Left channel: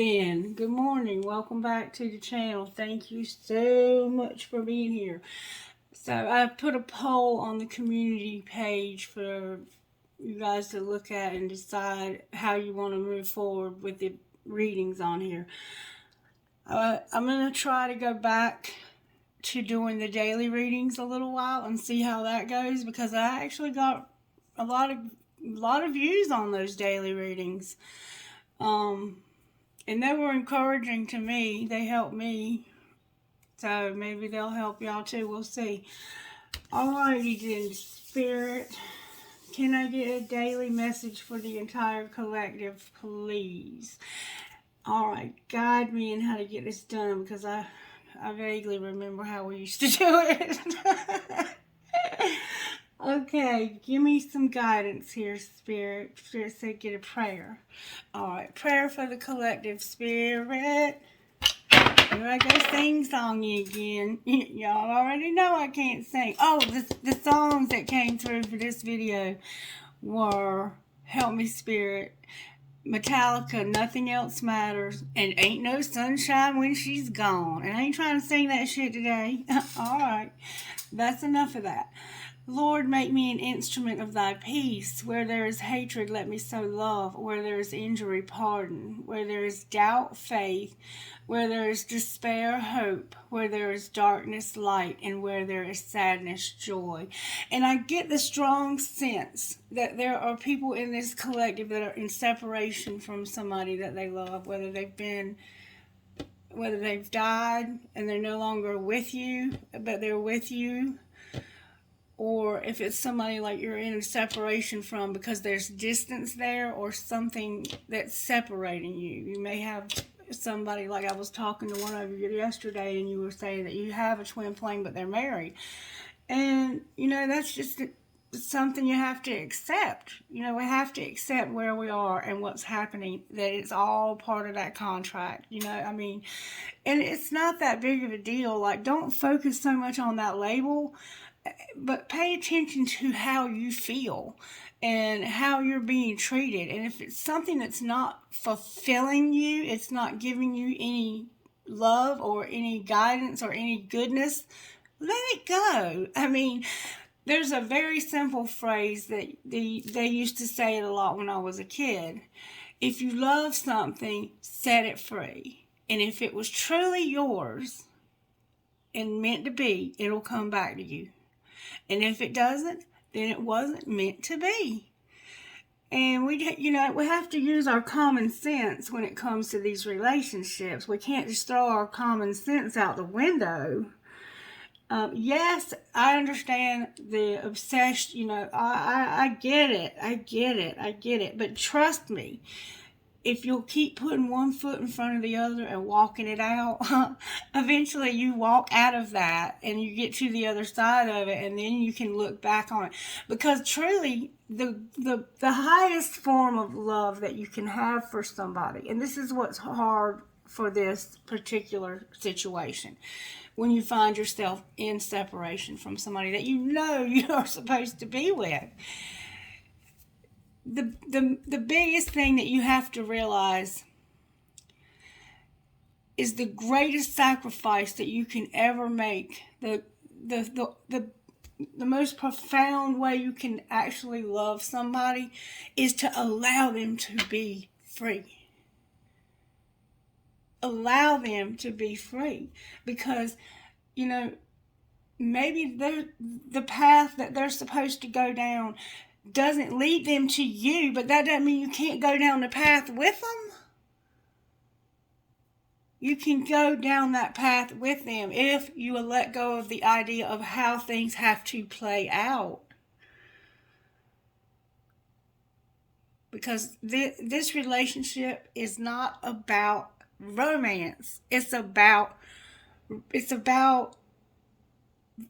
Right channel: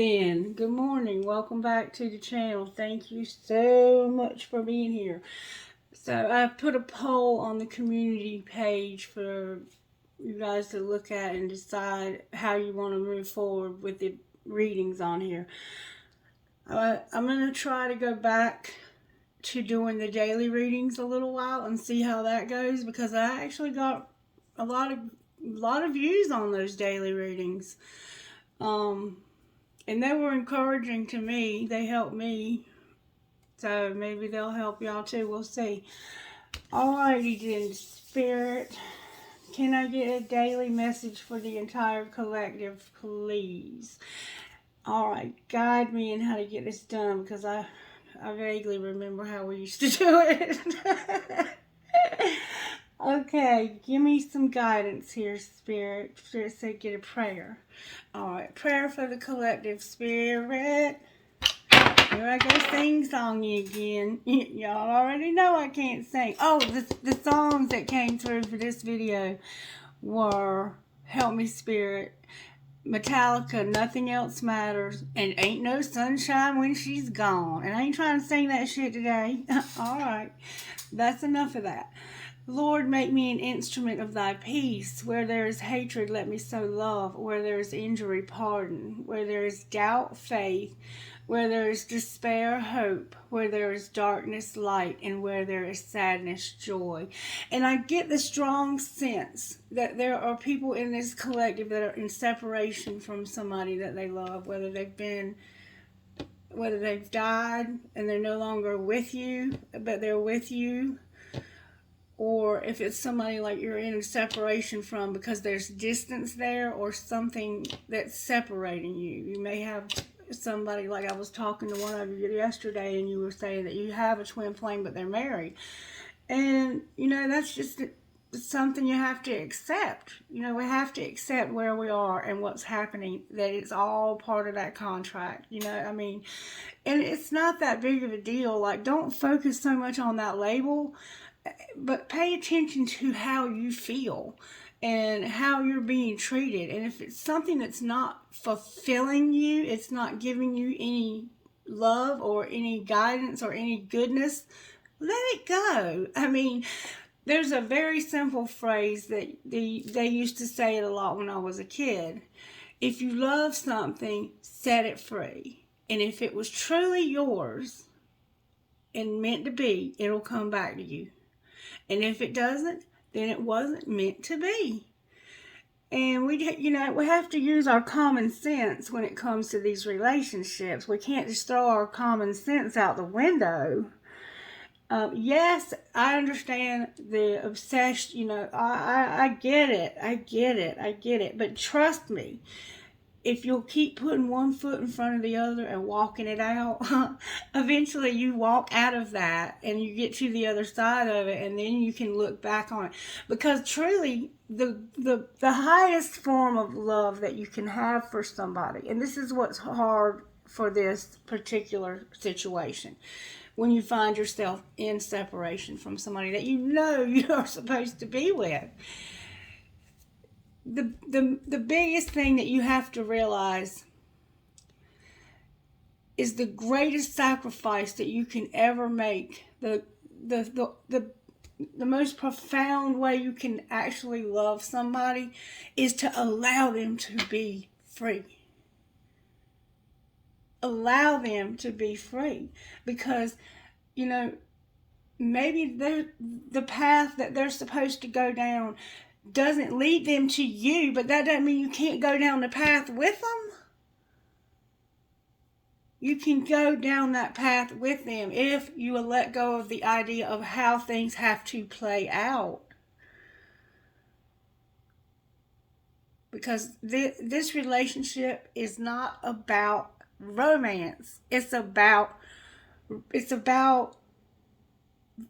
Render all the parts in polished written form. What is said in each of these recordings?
then. Good morning. Welcome back to the channel. Thank you so much for being here. So I put a poll on the community page for you guys to look at and decide how you want to move forward with the readings on here. I'm going to try to go back to doing the daily readings a little while and see how that goes, because I actually got a lot of views on those daily readings. And they were encouraging to me. They helped me. So maybe they'll help y'all too. We'll see. Alrighty then, Spirit. Can I get a daily message for the entire collective, please? Alright, guide me in how to get this done, because I vaguely remember how we used to do it. Okay, give me some guidance here, Spirit. Spirit said get a prayer. Alright, prayer for the collective, Spirit. Here I go sing songy again. Y'all already know I can't sing. Oh, the songs that came through for this video were Help Me Spirit, Metallica, Nothing Else Matters, and Ain't No Sunshine When She's Gone. And I ain't trying to sing that shit today. Alright, that's enough of that. Lord, make me an instrument of thy peace. Where there is hatred, let me sow love. Where there is injury, pardon. Where there is doubt, faith. Where there is despair, hope. Where there is darkness, light. And where there is sadness, joy. And I get the strong sense that there are people in this collective that are in separation from somebody that they love, whether they've died and they're no longer with you, but they're with you. Or if it's somebody like you're in a separation from because there's distance there or something that's separating you. You may have somebody, like I was talking to one of you yesterday, and you were saying that you have a twin flame but they're married. And, that's just something you have to accept. We have to accept where we are and what's happening, that it's all part of that contract. And it's not that big of a deal. Like, don't focus so much on that label, but pay attention to how you feel and how you're being treated. And if it's something that's not fulfilling you, it's not giving you any love or any guidance or any goodness, let it go. There's a very simple phrase that they used to say it a lot when I was a kid. If you love something, set it free. And if it was truly yours and meant to be, it'll come back to you. And if it doesn't, then it wasn't meant to be. And we have to use our common sense when it comes to these relationships. We can't just throw our common sense out the window. Yes, I understand the obsession. I get it. But trust me, if you'll keep putting one foot in front of the other and walking it out, eventually you walk out of that and you get to the other side of it, and then you can look back on it. Because truly, the highest form of love that you can have for somebody, and this is what's hard for this particular situation, when you find yourself in separation from somebody that you are supposed to be with. The biggest thing that you have to realize is the greatest sacrifice that you can ever make. The most profound way you can actually love somebody is to allow them to be free. Allow them to be free, because maybe the path that they're supposed to go down doesn't lead them to you, but that doesn't mean you can't go down the path with them. You can go down that path with them if you will let go of the idea of how things have to play out. Because this relationship is not about romance. It's about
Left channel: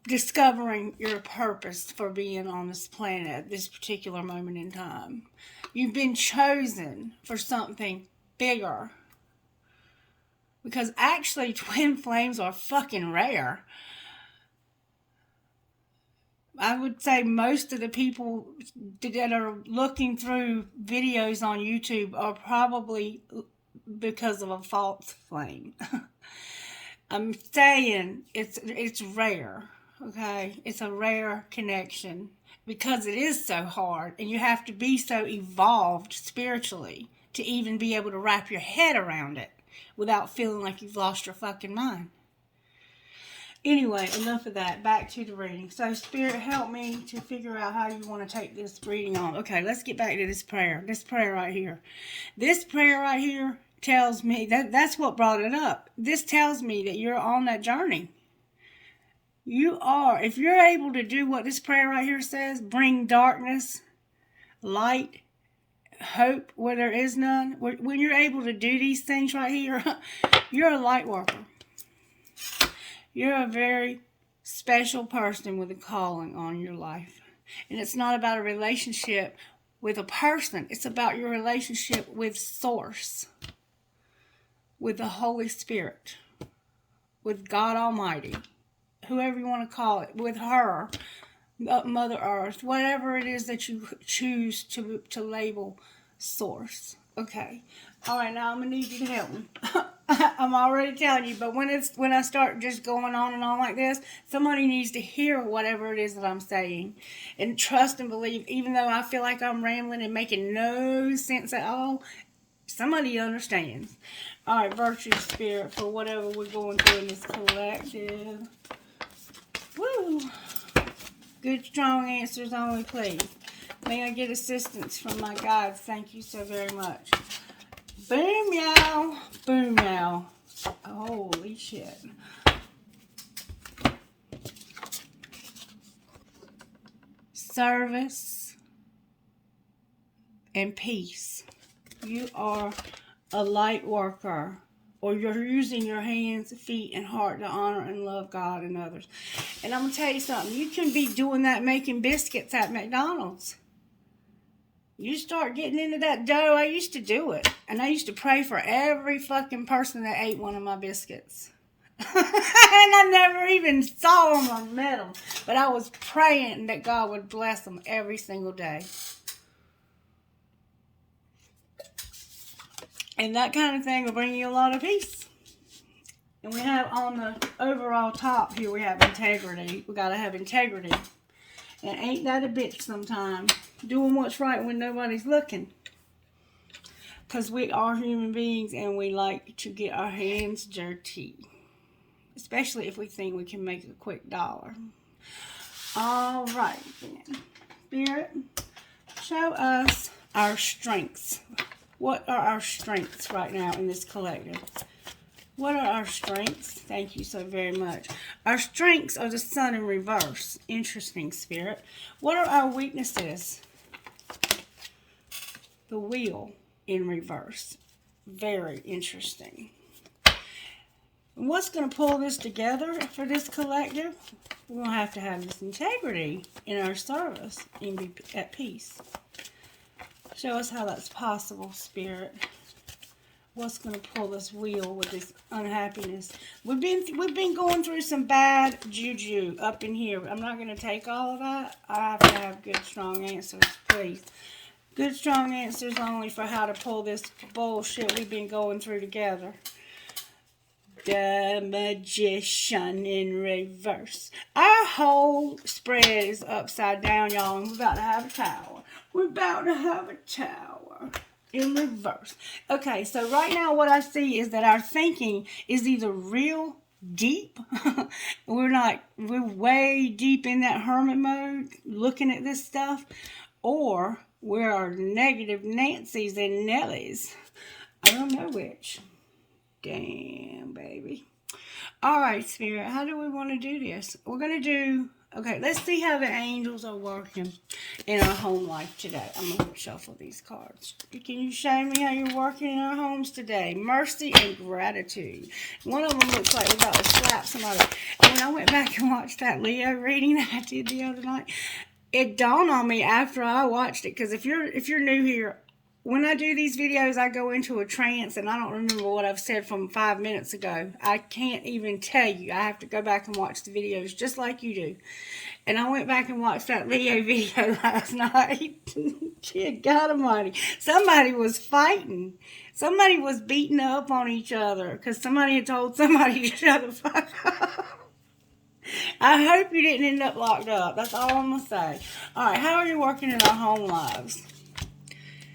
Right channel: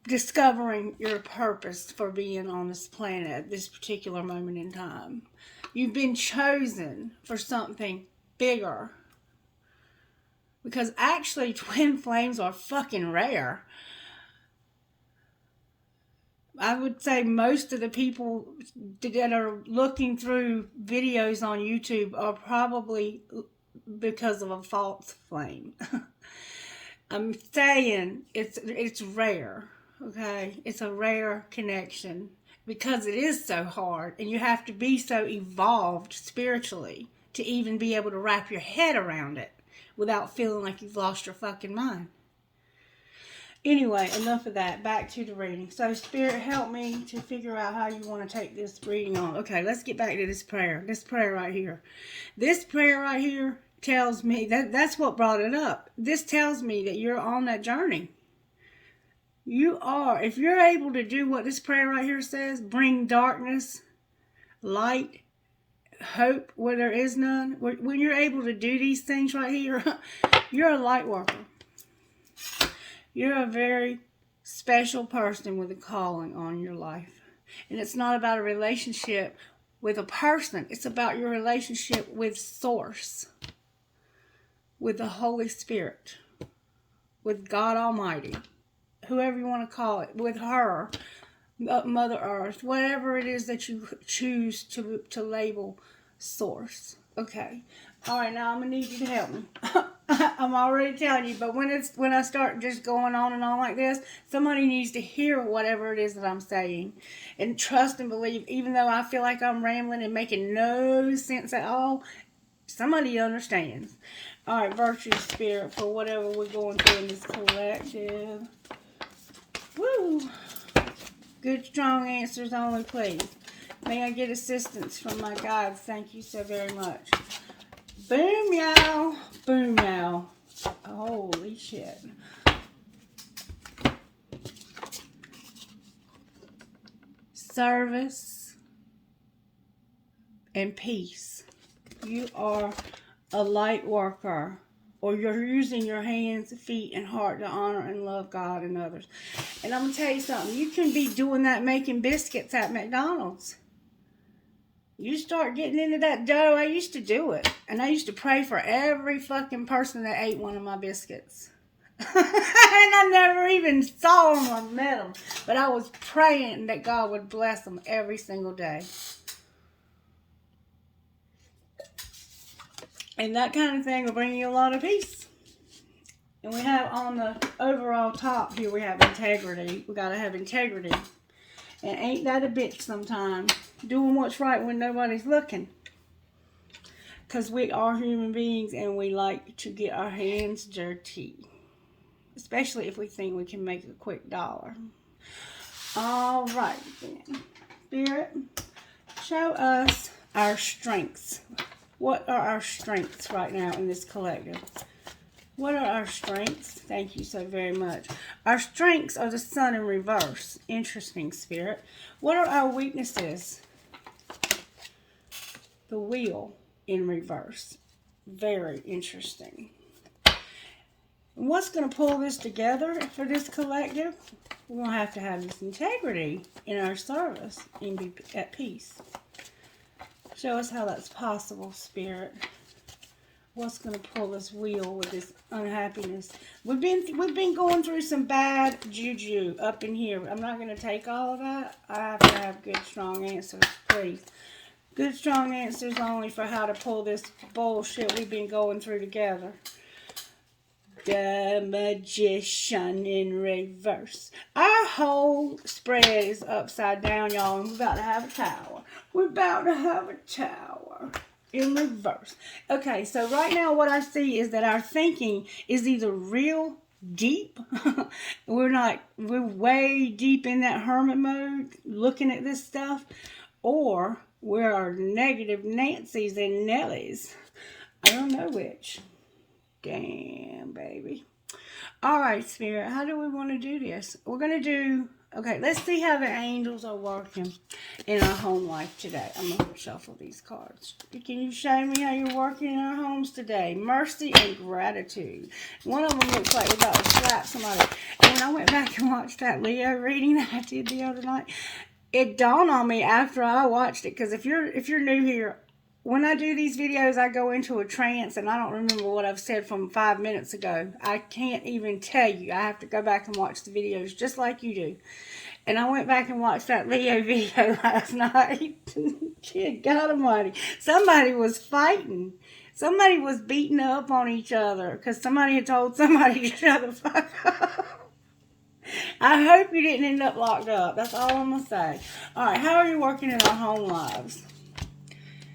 discovering your purpose for being on this planet at this particular moment in time. You've been chosen for something bigger. Because actually, twin flames are fucking rare. I would say most of the people that are looking through videos on YouTube are probably because of a false flame. I'm saying it's rare, okay? It's a rare connection because it is so hard, and you have to be so evolved spiritually to even be able to wrap your head around it without feeling like you've lost your fucking mind. Anyway, enough of that. Back to the reading. So, Spirit, help me to figure out how you want to take this reading on. Okay, let's get back to this prayer. This prayer right here. This prayer right here tells me that's what brought it up. This tells me that you're on that journey. You are. If you're able to do what this prayer right here says, bring darkness, light, hope where there is none. When you're able to do these things right here, you're a light worker. You're a very special person with a calling on your life. And it's not about a relationship with a person. It's about your relationship with Source, with the Holy Spirit, with God Almighty, whoever you want to call it, with her, Mother Earth, whatever it is that you choose to label Source. Okay. All right, now I'm going to need you to help me. I'm already telling you, but when I start just going on and on like this, somebody needs to hear whatever it is that I'm saying. And trust and believe, even though I feel like I'm rambling and making no sense at all, somebody understands. All right, Virtue Spirit, for whatever we're going through in this collective. Woo! Good, strong answers only, please. May I get assistance from my guides? Thank you so very much. Boom, y'all. Boom, y'all. Holy shit. Service and peace. You are a light worker, or you're using your hands, feet, and heart to honor and love God and others. And I'm going to tell you something. You can be doing that making biscuits at McDonald's. You start getting into that dough. I used to do it. And I used to pray for every fucking person that ate one of my biscuits. And I never even saw them or met them. But I was praying that God would bless them every single day. And that kind of thing will bring you a lot of peace. And we have on the overall top here, we have integrity. We got to have integrity. And ain't that a bitch sometimes? Doing what's right when nobody's looking. Because we are human beings and we like to get our hands dirty. Especially if we think we can make a quick dollar. All right, then. Spirit, show us our strengths. What are our strengths right now in this collective? What are our strengths? Thank you so very much. Our strengths are the sun in reverse. Interesting, Spirit. What are our weaknesses? The wheel in reverse. Very interesting. And what's going to pull this together for this collective? We're going to have this integrity in our service and be at peace. Show us how that's possible, Spirit. What's going to pull this wheel with this unhappiness? We've been going through some bad juju up in here. I'm not going to take all of that. I have to have good, strong answers, please. Good, strong answers only for how to pull this bullshit we've been going through together. The Magician in reverse. Our whole spread is upside down, y'all, and we're about to have a tower. We're about to have a tower. In reverse. Okay, so right now what I see is that our thinking is either real deep. We're way deep in that hermit mode looking at this stuff. Or we're negative Nancy's and Nellies. I don't know which. Damn, baby. All right, Spirit, how do we want to do this? We're going to do... Okay, let's see how the angels are working in our home life today. I'm going to shuffle these cards. Can you show me how you're working in our homes today? Mercy and gratitude. One of them looks like we're about to slap somebody. And when I went back and watched that Leo reading that I did the other night, it dawned on me after I watched it. Because if you're new here, when I do these videos, I go into a trance and I don't remember what I've said from 5 minutes ago. I can't even tell you. I have to go back and watch the videos just like you do. And I went back and watched that Leo video last night. Good God Almighty. Somebody was fighting. Somebody was beating up on each other because somebody had told somebody to shut the fuck up. I hope you didn't end up locked up. That's all I'm going to say. All right, how are you working in our home lives?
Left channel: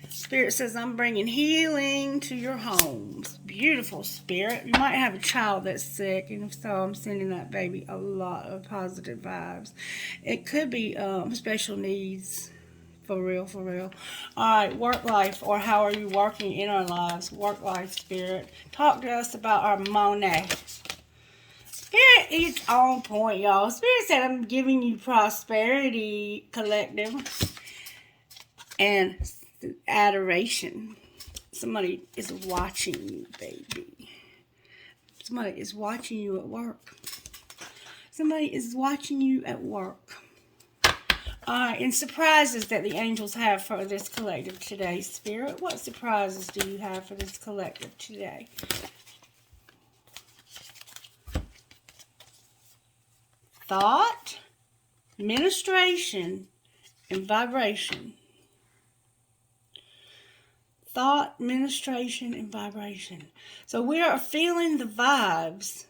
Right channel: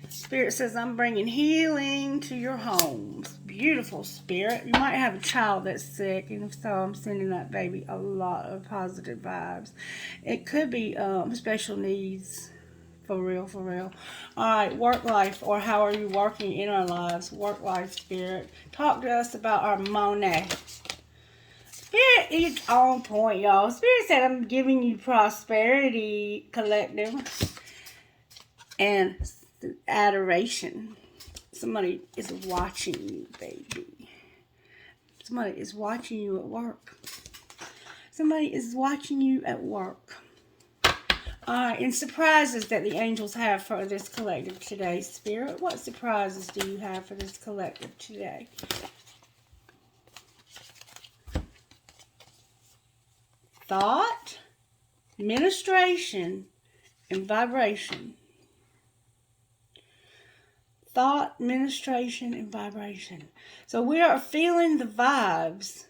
Spirit says, I'm bringing healing to your homes. Beautiful, Spirit. You might have a child that's sick, and if so, I'm sending that baby a lot of positive vibes. It could be special needs. For real, for real. All right, work life, or how are you working in our lives? Work life, Spirit. Talk to us about our money. Spirit is on point, y'all. Spirit said, I'm giving you prosperity, collective, and adoration. Somebody is watching you, baby. Somebody is watching you at work. Somebody is watching you at work. And surprises that the angels have for this collective today, Spirit. What surprises do you have for this collective today? Thought, ministration, and vibration. Thought, ministration, and vibration. So we are feeling the vibes,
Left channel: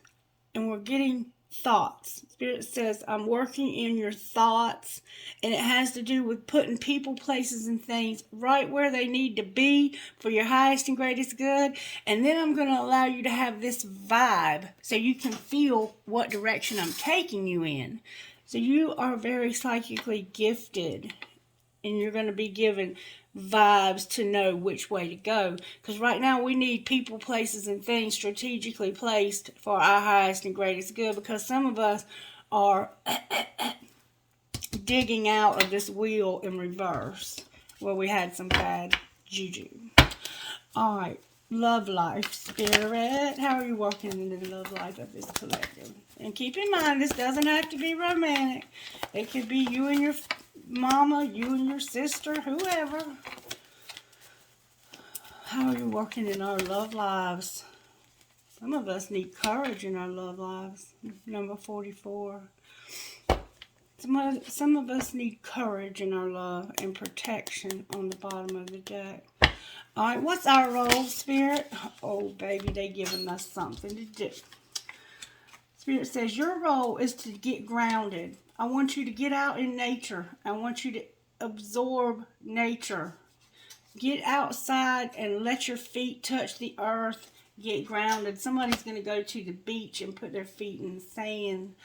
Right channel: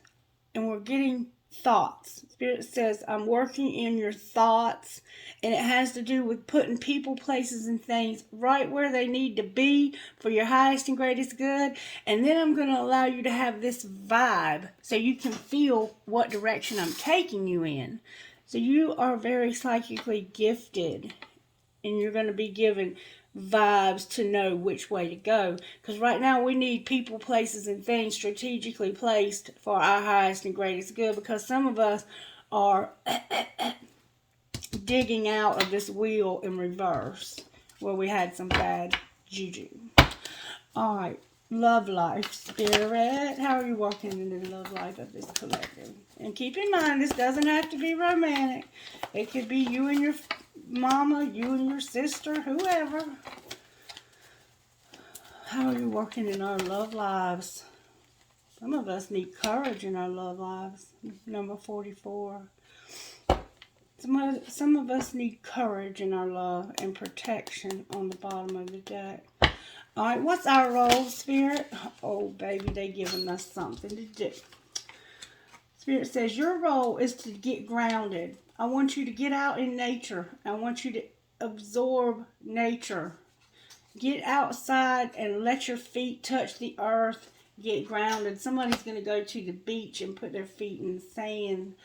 and we're getting thoughts. Spirit says, I'm working in your thoughts, and it has to do with putting people, places, and things right where they need to be for your highest and greatest good. And then I'm going to allow you to have this vibe so you can feel what direction I'm taking you in. So you are very psychically gifted, and you're going to be given vibes to know which way to go. Because right now we need people, places, and things strategically placed for our highest and greatest good. Because some of us are digging out of this wheel in reverse where we had some bad juju. All right, love life, Spirit. How are you working in the love life of this collective? And keep in mind, this doesn't have to be romantic. It could be you and your mama, you and your sister, whoever. How are you working in our love lives? Some of us need courage in our love lives. Number 44. Some of us need courage in our love and protection on the bottom of the deck. All right, what's our role, Spirit? Oh, baby, they giving us something to do. Spirit says, your role is to get grounded. I want you to get out in nature. I want you to absorb nature. Get outside and let your feet touch the earth. Get grounded. Somebody's going to go to the beach and put their feet in the sand.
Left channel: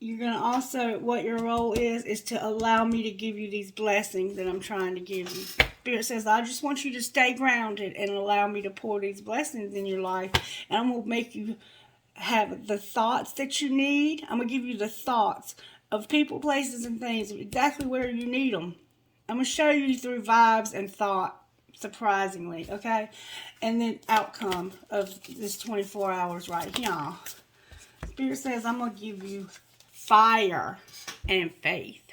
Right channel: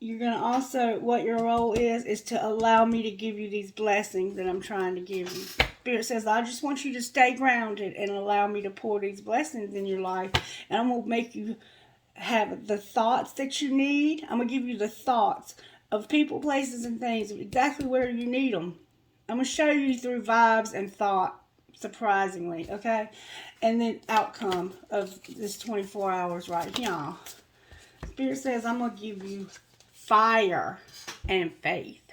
You're going to also, what your role is to allow me to give you these blessings that I'm trying to give you. Spirit says, I just want you to stay grounded and allow me to pour these blessings in your life. And I'm going to make you have the thoughts that you need. I'm going to give you the thoughts of people, places, and things, exactly where you need them. I'm going to show you through vibes and thought, surprisingly, okay? And then outcome of this 24 hours right here. Spirit says, I'm going to give you fire and faith.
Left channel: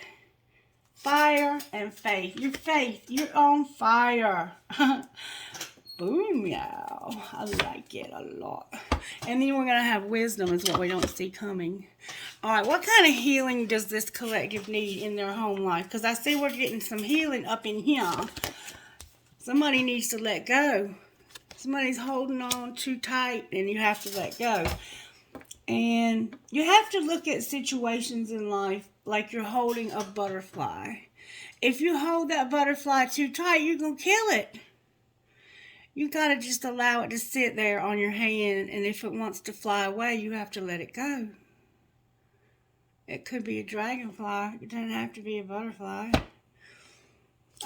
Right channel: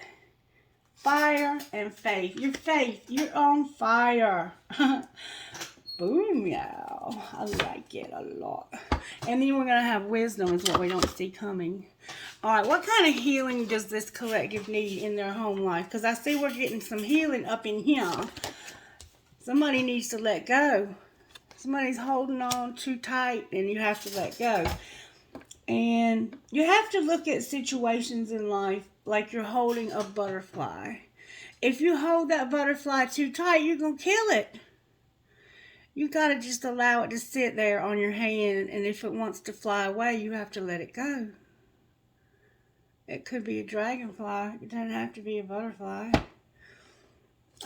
Fire and faith. Your faith, you're on fire. Boom, y'all. I like it a lot. And then we're going to have wisdom is what we don't see coming. All right, what kind of healing does this collective need in their home life? Because I see we're getting some healing up in here. Somebody needs to let go. Somebody's holding on too tight and you have to let go. And you have to look at situations in life like you're holding a butterfly. If you hold that butterfly too tight, you're going to kill it. You got to just allow it to sit there on your hand, and if it wants to fly away, you have to let it go. It could be a dragonfly. It doesn't have to be a butterfly.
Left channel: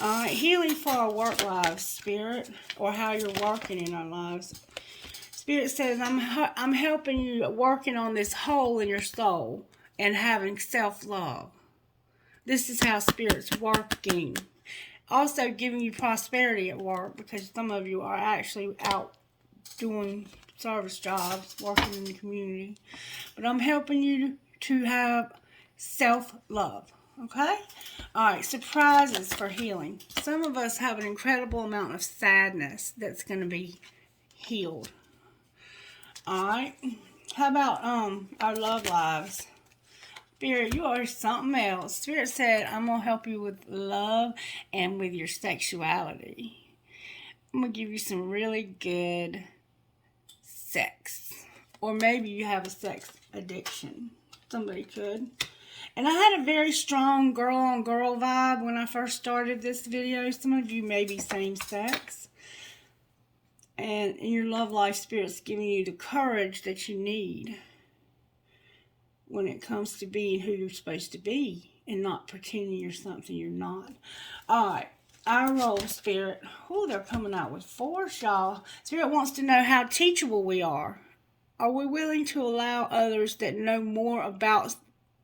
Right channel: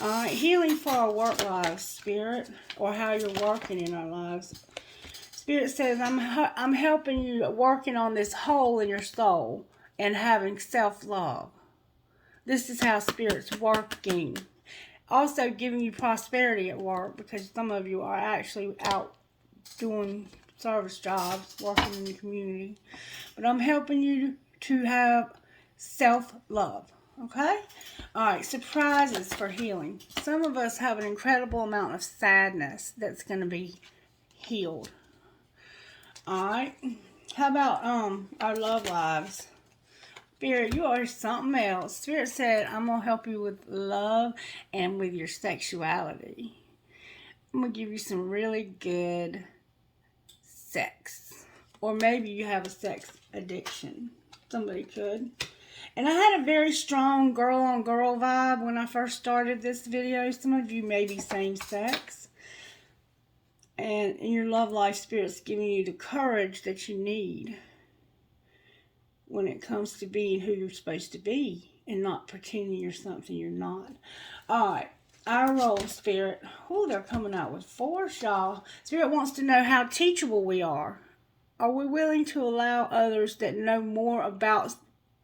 All right, healing for our work lives, Spirit, or how you're working in our lives. Spirit says, I'm helping you working on this hole in your soul and having self-love. This is how Spirit's working. Also giving you prosperity at work, because some of you are actually out doing service jobs, working in the community. But I'm helping you to have self-love, okay? All right, surprises for healing. Some of us have an incredible amount of sadness that's going to be healed. All right, how about our love lives? Spirit, you are something else. Spirit said, I'm going to help you with love and with your sexuality. I'm going to give you some really good sex. Or maybe you have a sex addiction. Somebody could. And I had a very strong girl-on-girl vibe when I first started this video. Some of you may be same-sex. And in your love life, Spirit's giving you the courage that you need when it comes to being who you're supposed to be and not pretending you're something you're not. Alright, our role, Spirit. Oh, they're coming out with force, y'all. Spirit wants to know how teachable we are. Are we willing to allow others that know more about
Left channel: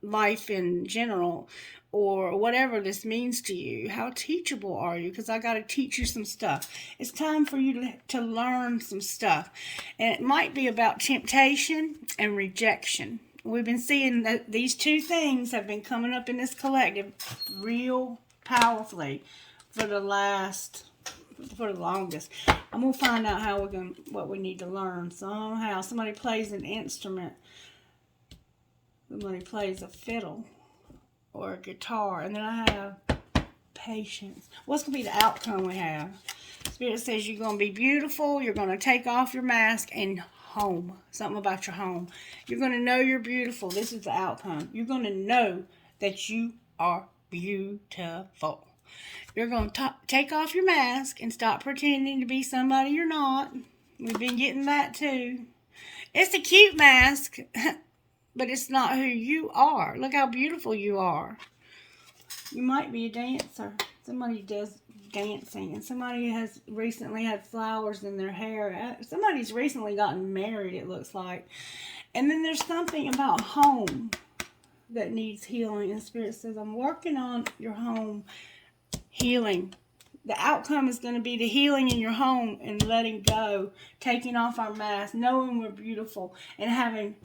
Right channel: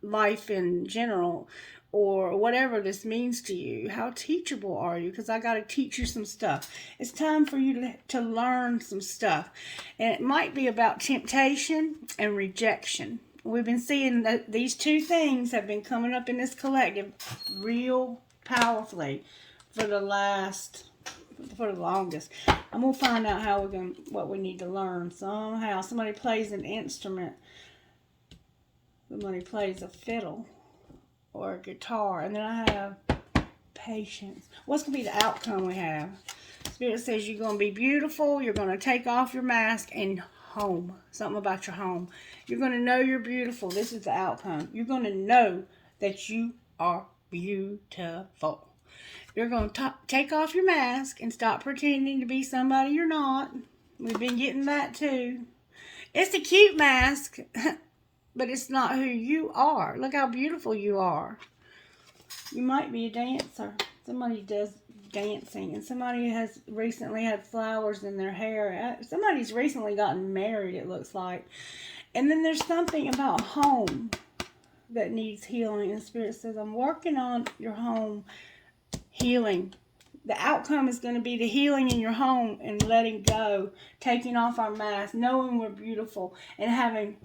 life in general or whatever this means to you? How teachable are you? Because I got to teach you some stuff. It's time for you to learn some stuff. And it might be about temptation and rejection. We've been seeing that these two things have been coming up in this collective real powerfully for the longest. I'm going to find out how what we need to learn. Somehow somebody plays an instrument. Somebody plays a fiddle or a guitar. And then I have patience. What's going to be the outcome we have? Spirit says you're going to be beautiful. You're going to take off your mask and home. Something about your home. You're going to know you're beautiful. This is the outcome. You're going to know that you are beautiful. You're going to take off your mask and stop pretending to be somebody you're not. We've been getting that too. It's a cute mask, but it's not who you are. Look how beautiful you are. You might be a dancer. Somebody does dancing, and somebody has recently had flowers in their hair. Somebody's recently gotten married, it looks like. And then there's something about home that needs healing. And Spirit says, I'm working on your home healing. The outcome is going to be the healing in your home and letting go, taking off our mask, knowing we're beautiful, and having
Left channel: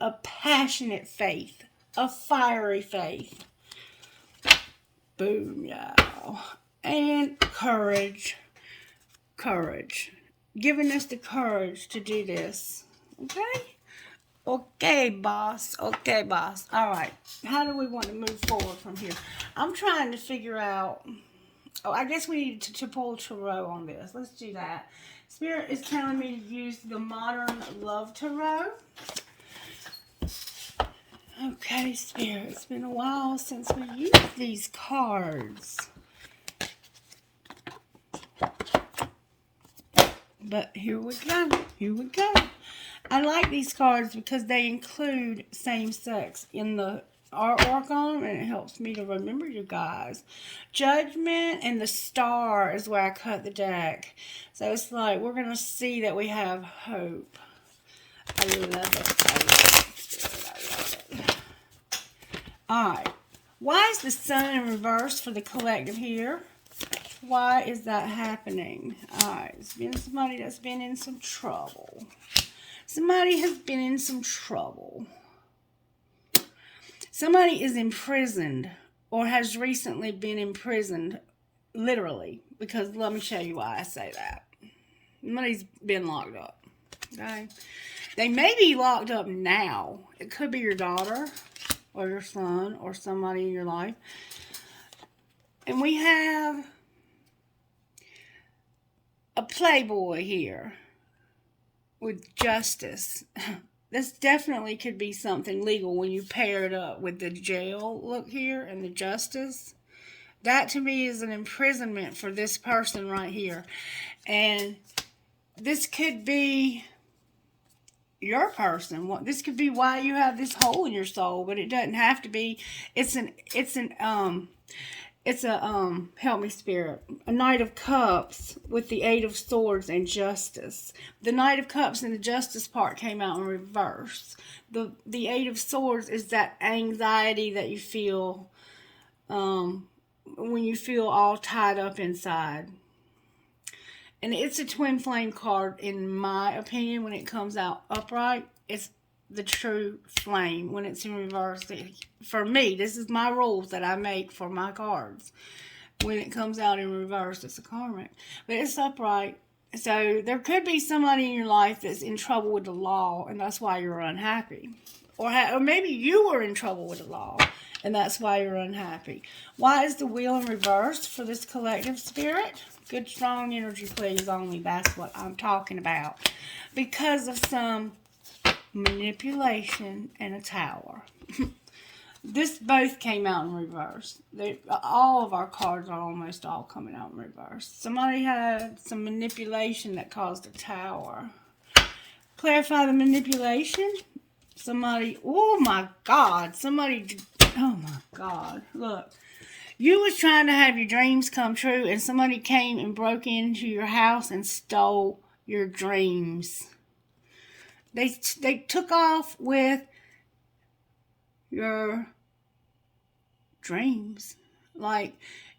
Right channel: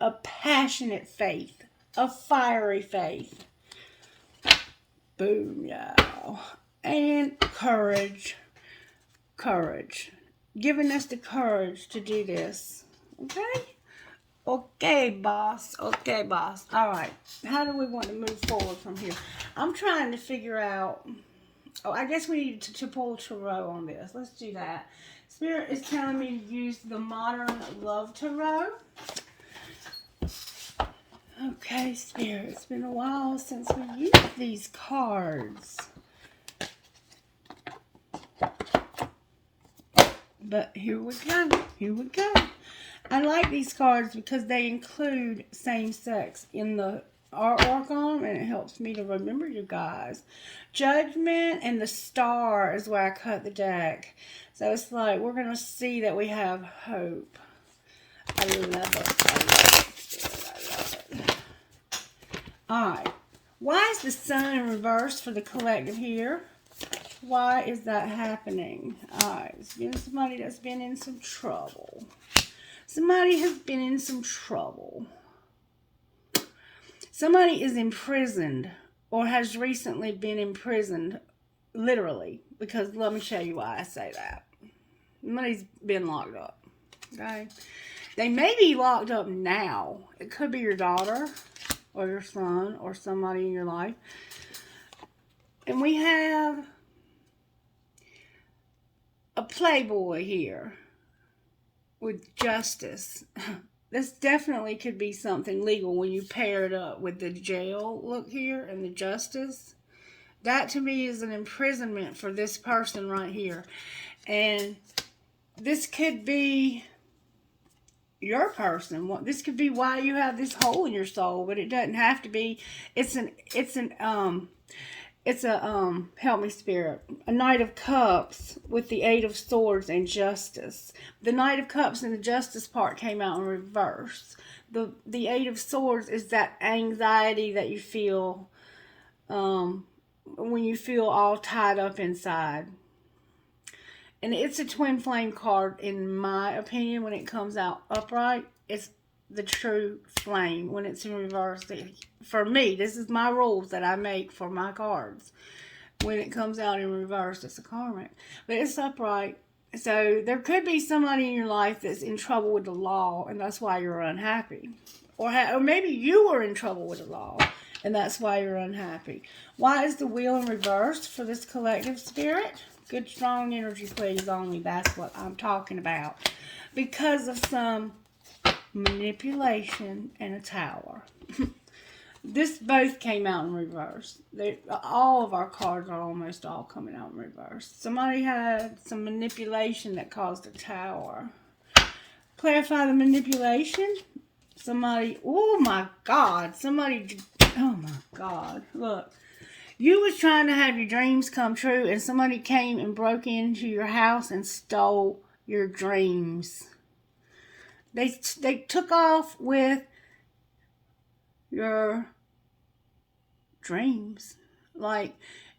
a passionate faith, a fiery faith. Boom, y'all. And courage. Courage. Giving us the courage to do this. Okay? Okay, boss. Okay, boss. All right. How do we want to move forward from here? I'm trying to figure out... Oh, I guess we need to pull tarot on this. Let's do that. Spirit is telling me to use the Modern Love Tarot. Okay, Spirit. It's been a while since we used these cards. But here we go. Here we go. I like these cards because they include same sex in the artwork on them, and it helps me to remember you guys. Judgment and the Star is where I cut the deck. So it's like we're going to see that we have hope. I love it. Alright. Why is the Sun in reverse for the collective here? Why is that happening? Alright. It's been somebody that's been in some trouble. Somebody has been in some trouble. Somebody is imprisoned or has recently been imprisoned, literally, because let me show you why I say that. Somebody's been locked up, okay? They may be locked up now. It could be your daughter or your son or somebody in your life. And we have a playboy here with justice. This definitely could be something legal when you pair it up with the jail look here and the justice. That to me is an imprisonment for this person right here. And this could be your person. This could be why you have this hole in your soul, but it doesn't have to be. It's a help me, Spirit, a Knight of Cups with the Eight of Swords and Justice. The Knight of Cups and the Justice part came out in reverse. The Eight of Swords is that anxiety that you feel when you feel all tied up inside. And it's a twin flame card, in my opinion. When it comes out upright, it's the true flame. When it's in reverse, for me, this is my rules that I make for my cards. When it comes out in reverse, it's a karmic. But it's upright. So there could be somebody in your life that's in trouble with the law, and that's why you're unhappy. Or maybe you were in trouble with the law, and that's why you're unhappy. Why is the Wheel in reverse for this collective, Spirit? Good, strong energy, please, on you. That's what I'm talking about. Because of some manipulation and a Tower. This both came out in reverse. All of our cards are almost all coming out in reverse. Somebody had some manipulation that caused a Tower. Clarify the manipulation. Somebody, oh my God. Somebody, oh my God. Look. You was trying to have your dreams come true, and somebody came and broke into your house and stole your dreams. They took off with your dreams. Like,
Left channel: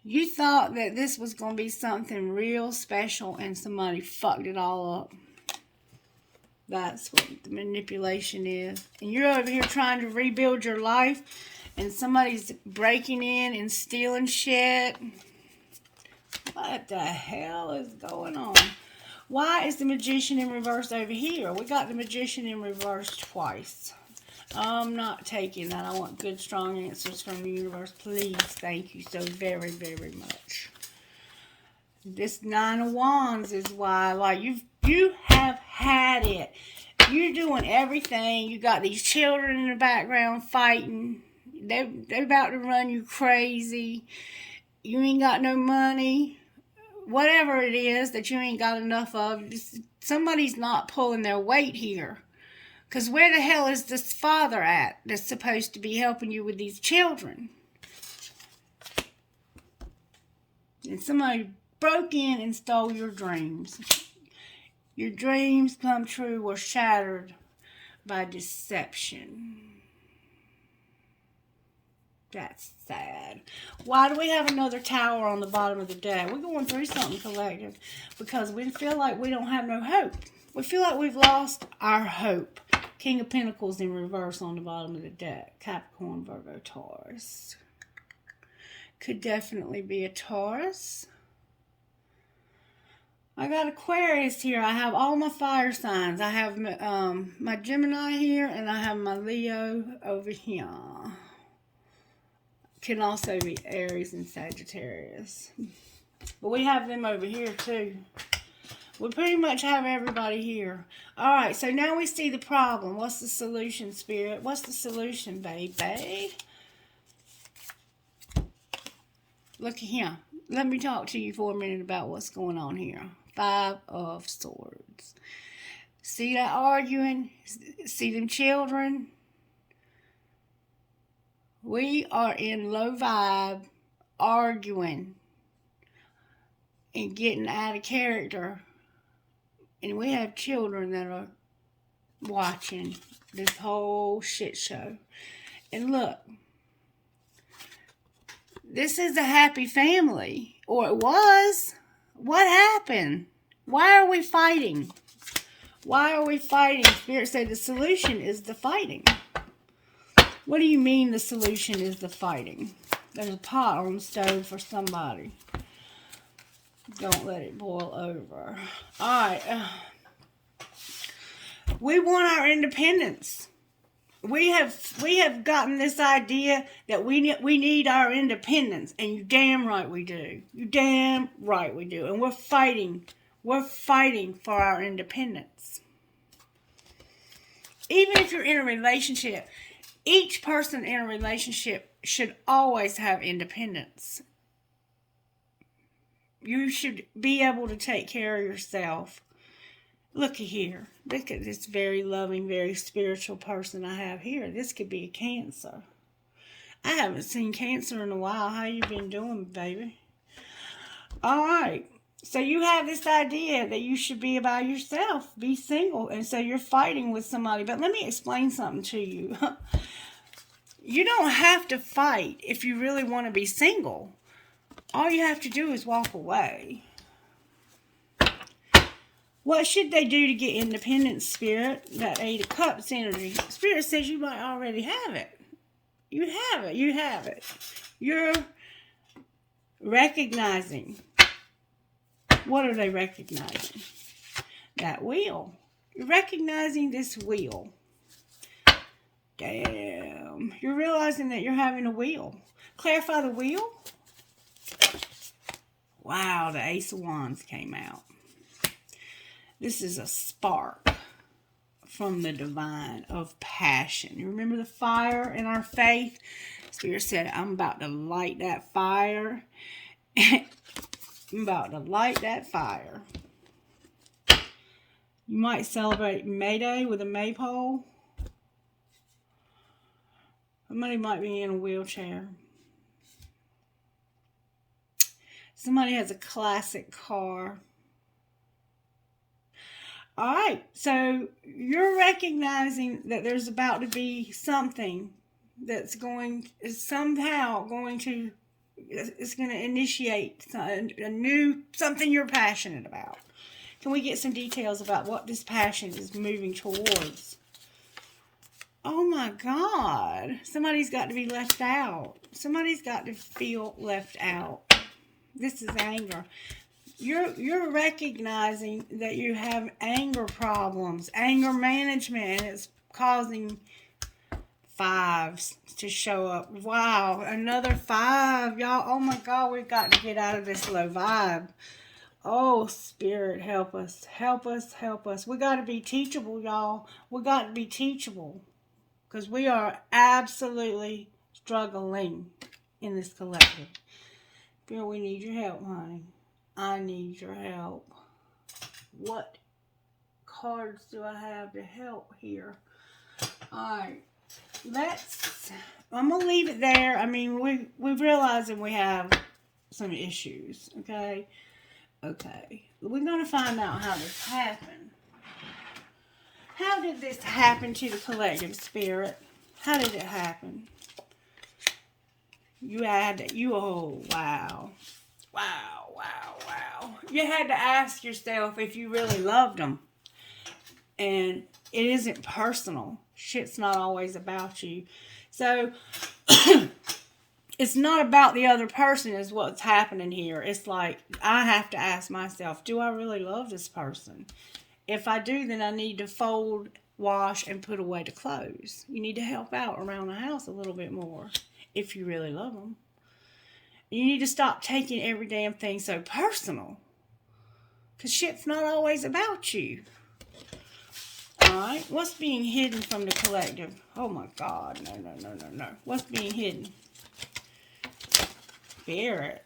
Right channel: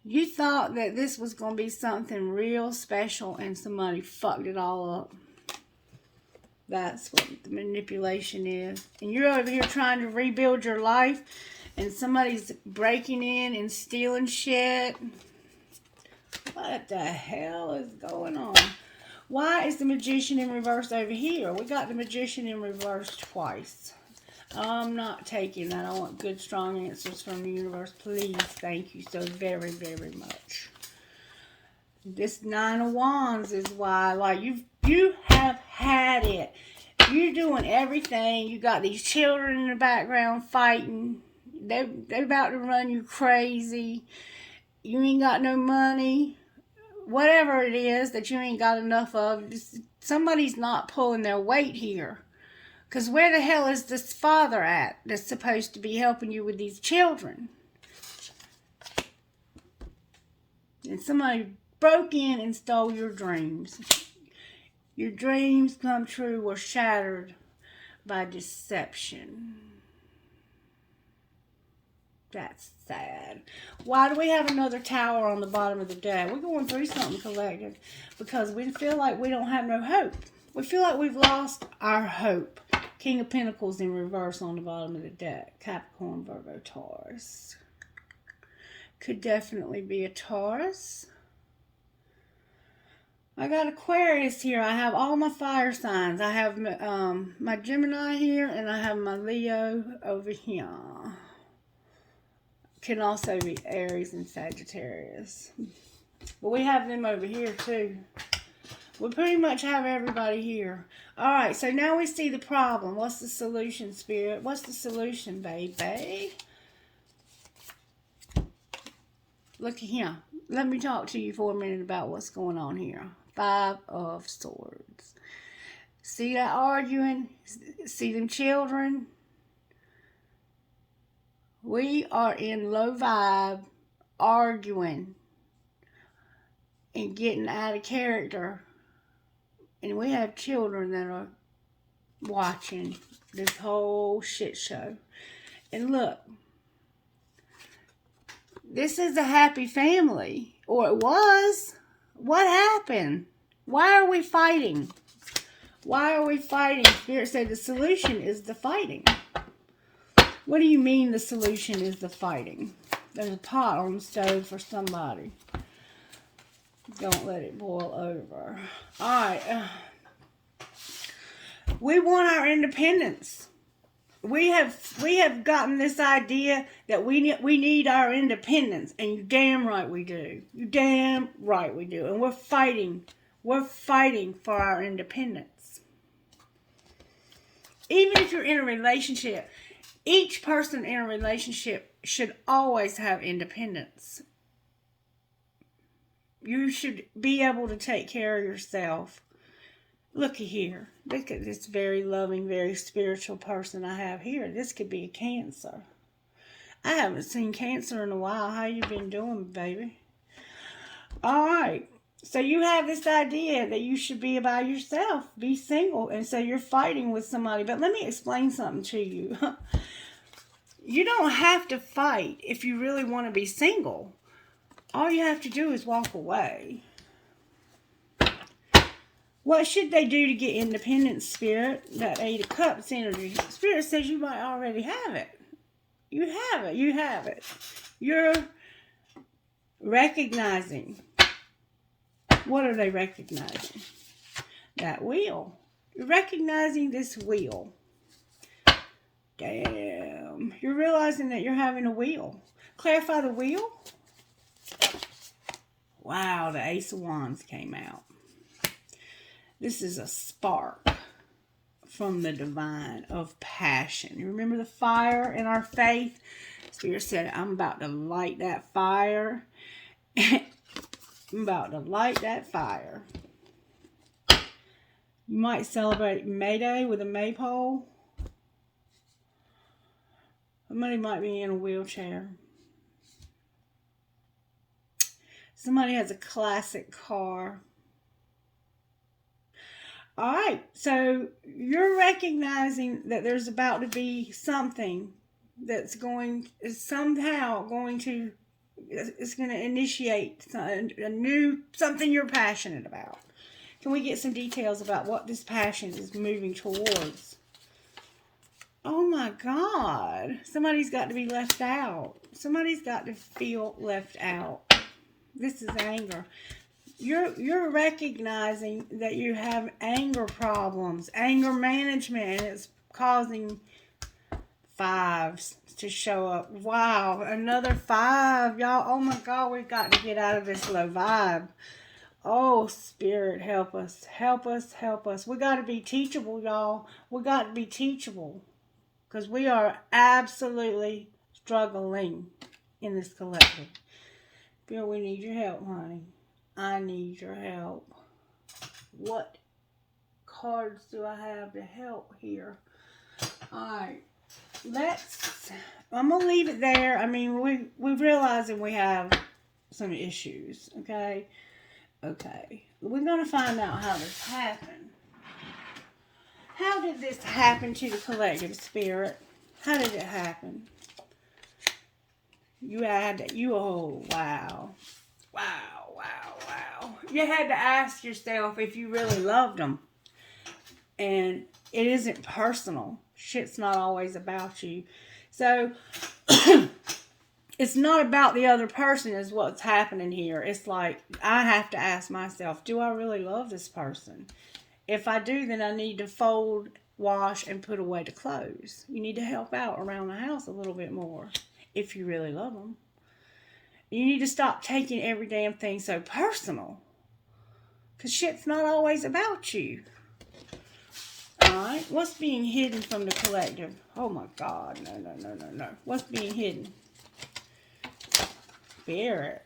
you thought that this was going to be something real special, and somebody fucked it all up. That's what the manipulation is. And you're over here trying to rebuild your life, and somebody's breaking in and stealing shit. What the hell is going on? Why is the Magician in reverse over here? We got the Magician in reverse twice. I'm not taking that. I want good, strong answers from the universe. Please. Thank you so very, very much. This Nine of Wands is why, like, you have had it. You're doing everything. You got these children in the background fighting. They're about to run you crazy. You ain't got no money. Whatever it is that you ain't got enough of, somebody's not pulling their weight here. Because where the hell is this father at that's supposed to be helping you with these children? And somebody broke in and stole your dreams. Your dreams come true were shattered by deception. That's sad. Why do we have another Tower on the bottom of the deck? We're going through something collective because we feel like we don't have no hope. We feel like we've lost our hope. King of Pentacles in reverse on the bottom of the deck. Capricorn, Virgo, Taurus. Could definitely be a Taurus. I got Aquarius here. I have all my fire signs. I have my Gemini here, and I have my Leo over here. Can also be Aries and Sagittarius. But we have them over here too. We pretty much have everybody here. Alright, so now we see the problem. What's the solution, Spirit? What's the solution, baby? Look at here. Let me talk to you for a minute about what's going on here. Five of Swords. See that arguing? See them children? We are in low vibe, arguing, and getting out of character. And we have children that are watching this whole shit show. And look, this is a happy family. Or it was. What happened? Why are we fighting? Why are we fighting? Spirit said the solution is the fighting. What do you mean the solution is the fighting? There's a pot on the stove for somebody. Don't let it boil over. Alright. We want our independence. We have gotten this idea that we need our independence. And you damn right we do. You damn right we do. And we're fighting. We're fighting for our independence. Even if you're in a relationship, each person in a relationship should always have independence. You should be able to take care of yourself. Look at here. Look at this very loving, very spiritual person I have here. This could be a Cancer. I haven't seen Cancer in a while. How you been doing, baby? All right. So you have this idea that you should be by yourself, be single, and so you're fighting with somebody. But let me explain something to you. You don't have to fight if you really want to be single. All you have to do is walk away. What should they do to get independence, Spirit? That 8 of Cups energy. Spirit says you might already have it. You have it. You have it. You're recognizing. What are they recognizing? That wheel. You're recognizing this wheel. Damn. You're realizing that you're having a wheel. Clarify the wheel. Wow, the Ace of Wands came out. This is a spark from the divine of passion. You remember the fire in our faith? Spirit said, I'm about to light that fire. I'm about to light that fire. You might celebrate May Day with a maypole. Somebody might be in a wheelchair. Somebody has a classic car. All right, so you're recognizing that there's about to be something that's somehow going to initiate a new, something you're passionate about. Can we get some details about what this passion is moving towards? Oh my God, somebody's got to be left out. Somebody's got to feel left out. This is anger. You're recognizing that you have anger problems, anger management, and it's causing fives to show up. Wow, another 5, y'all. Oh my God, we've got to get out of this low vibe. Oh, Spirit, help us, help us, help us. We got to be teachable, y'all. We got to be teachable because we are absolutely struggling in this collective. Spirit, we need your help, honey. I need your help. What cards do I have to help here? Alright. I'm going to leave it there. I mean, we're realizing we have some issues. Okay? Okay. We're going to find out how this happened. How did this happen to the collective, Spirit? How did it happen? Oh, wow. Wow. You had to ask yourself if you really loved them. And it isn't personal. Shit's not always about you. So, it's not about the other person is what's happening here. It's like, I have to ask myself, do I really love this person? If I do, then I need to fold, wash, and put away the clothes. You need to help out around the house a little bit more if you really love them. You need to stop taking every damn thing so personal. Because shit's not always about you. Alright? What's being hidden from the collective? Oh my God. No. What's being hidden? Spirit.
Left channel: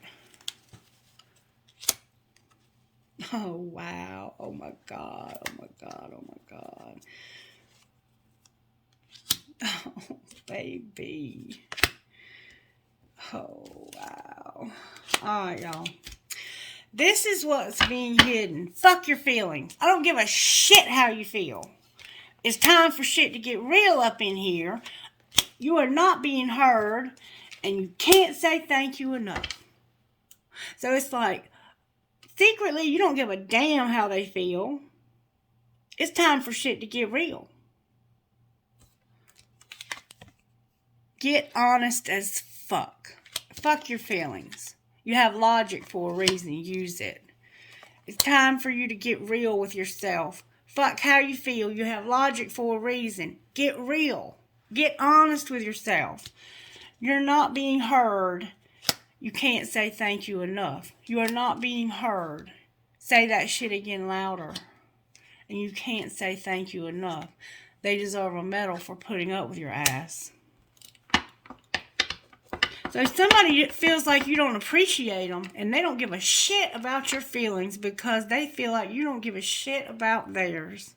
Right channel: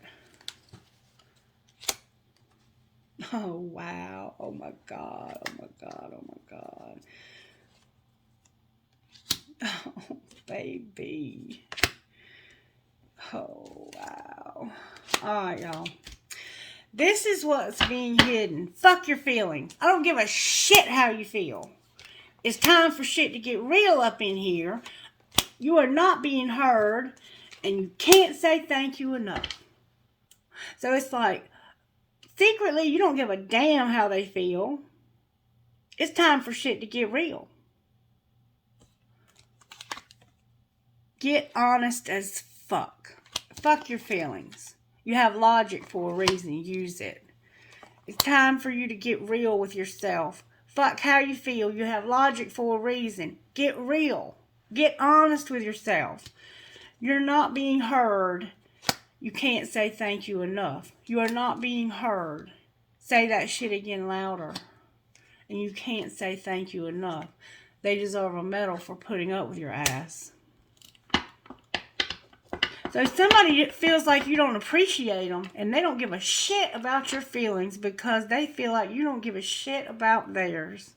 Oh wow. Oh my God. Oh baby. Oh wow. Alright, y'all. This is what's being hidden. Fuck your feelings. I don't give a shit how you feel. It's time for shit to get real up in here. You are not being heard, and you can't say thank you enough. So it's like, secretly, you don't give a damn how they feel. It's time for shit to get real. Get honest as fuck. Fuck your feelings. You have logic for a reason. Use it. It's time for you to get real with yourself. Fuck how you feel. You have logic for a reason. Get real. Get honest with yourself. You're not being heard. You can't say thank you enough. You are not being heard. Say that shit again louder. And you can't say thank you enough. They deserve a medal for putting up with your ass. So somebody feels like you don't appreciate them, and they don't give a shit about your feelings because they feel like you don't give a shit about theirs.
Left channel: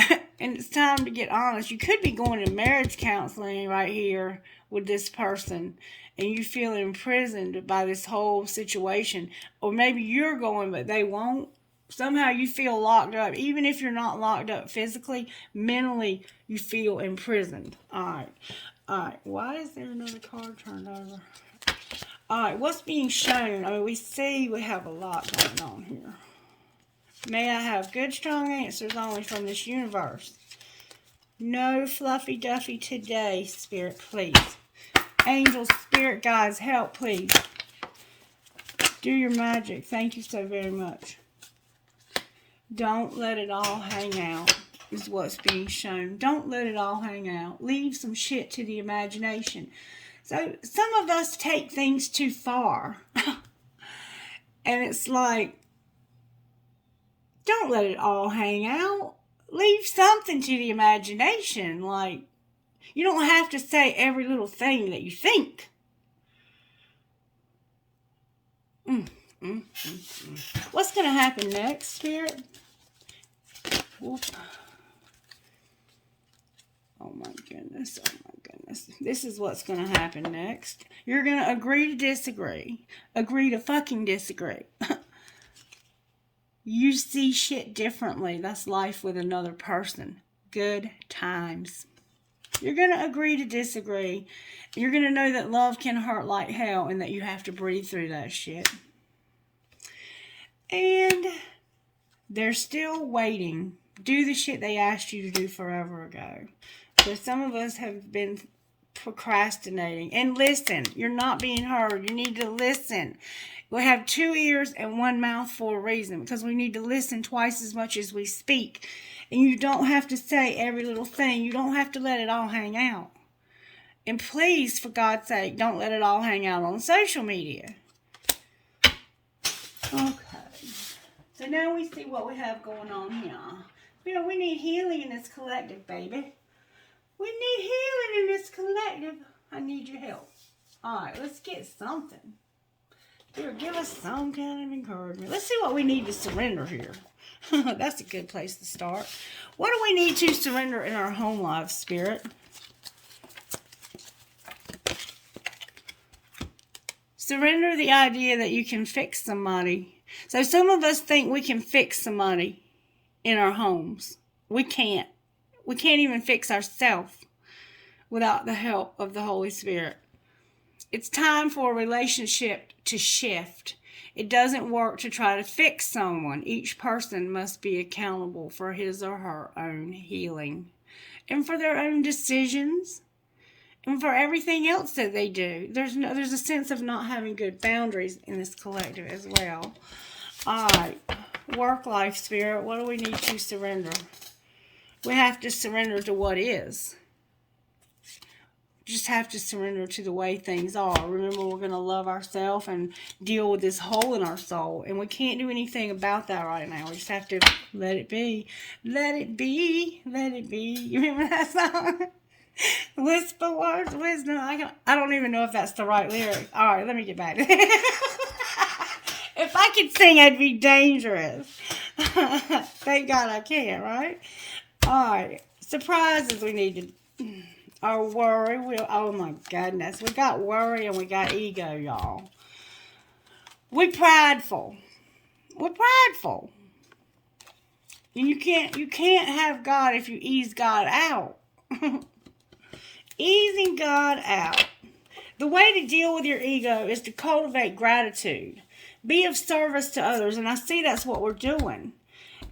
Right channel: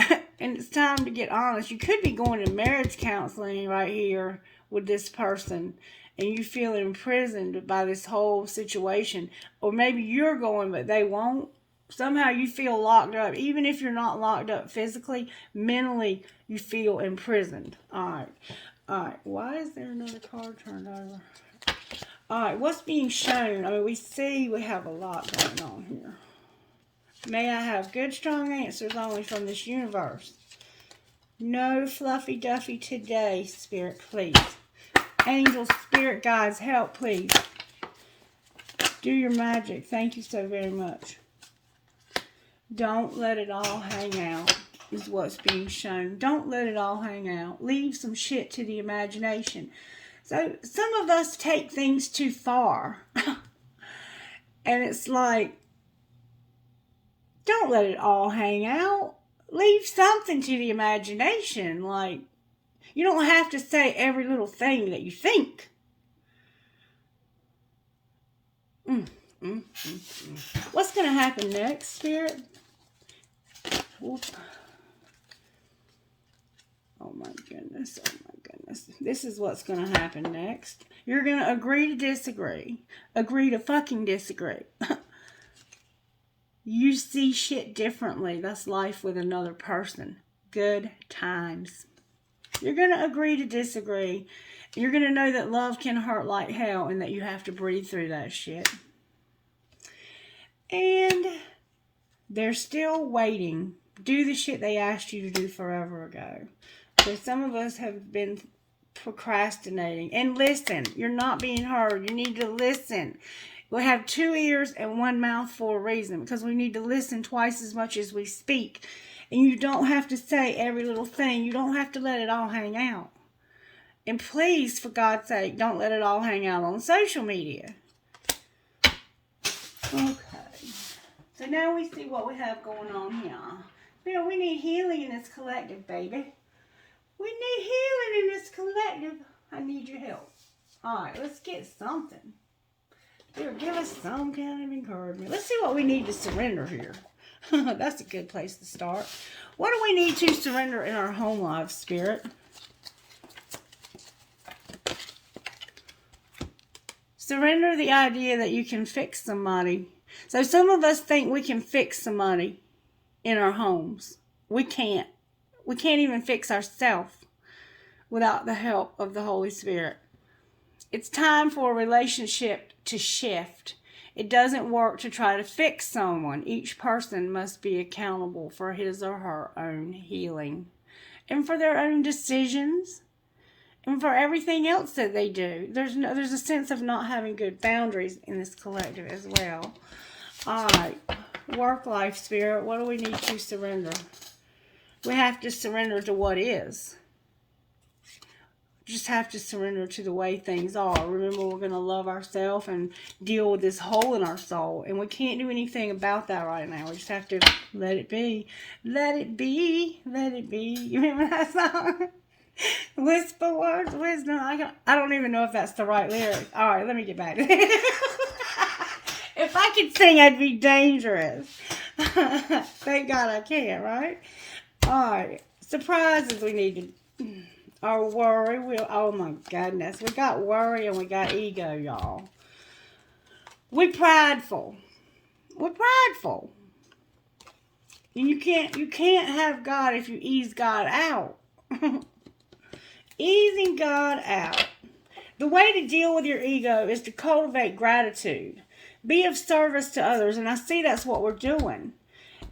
And it's time to get honest. You could be going to marriage counseling right here with this person, and you feel imprisoned by this whole situation. Or maybe you're going, but they won't. Somehow you feel locked up. Even if you're not locked up physically, mentally, you feel imprisoned. Alright, why is there another card turned over? Alright, what's being shown? I mean, we have a lot going on here. May I have good, strong answers only from this universe. No fluffy duffy today, Spirit, please. Angels, Spirit, guides, help, please. Do your magic. Thank you so very much. Don't let it all hang out, is what's being shown. Don't let it all hang out. Leave some shit to the imagination. So some of us take things too far. And it's like, don't let it all hang out. Leave something to the imagination. Like, you don't have to say every little thing that you think. What's going to happen next, Spirit? Oh my goodness. Oh my goodness. This is what's going to happen next. You're going to agree to disagree. Agree to fucking disagree. You see shit differently. That's life with another person. Good times. You're going to agree to disagree. You're going to know that love can hurt like hell and that you have to breathe through that shit. And they're still waiting. Do the shit they asked you to do forever ago. So some of us have been procrastinating. And listen, you're not being heard. You need to listen. We have 2 ears and 1 mouth for a reason, because we need to listen twice as much as we speak. And you don't have to say every little thing. You don't have to let it all hang out. And please, for God's sake, don't let it all hang out on social media. Okay. So now we see what we have going on here. You know, we need healing in this collective, baby. We need healing in this collective. I need your help. Alright, let's get something. Give us some kind of encouragement. Let's see what we need to surrender here. That's a good place to start. What do we need to surrender in our home life, Spirit? Surrender the idea that you can fix somebody. So some of us think we can fix somebody in our homes. We can't. We can't even fix ourselves without the help of the Holy Spirit. It's time for a relationship to shift. It doesn't work to try to fix someone. Each person must be accountable for his or her own healing and for their own decisions and for everything else that they do. There's a sense of not having good boundaries in this collective as well. All right, work life, Spirit. What do we need to surrender? We have to surrender to what is. Just have to surrender to the way things are. Remember, we're going to love ourselves and deal with this hole in our soul. And we can't do anything about that right now. We just have to let it be. Let it be. Let it be. You remember that song? Whisper words, wisdom. I don't even know if that's the right lyric. All right, let me get back to that. If I could sing, I'd be dangerous. Thank God I can, right? All right. Surprises we need to... Our worry, oh my goodness. We got worry and we got ego, y'all. We're prideful. We're prideful. And you can't have God if you ease God out. Easing God out. The way to deal with your ego is to cultivate gratitude. Be of service to others. And I see that's what we're doing.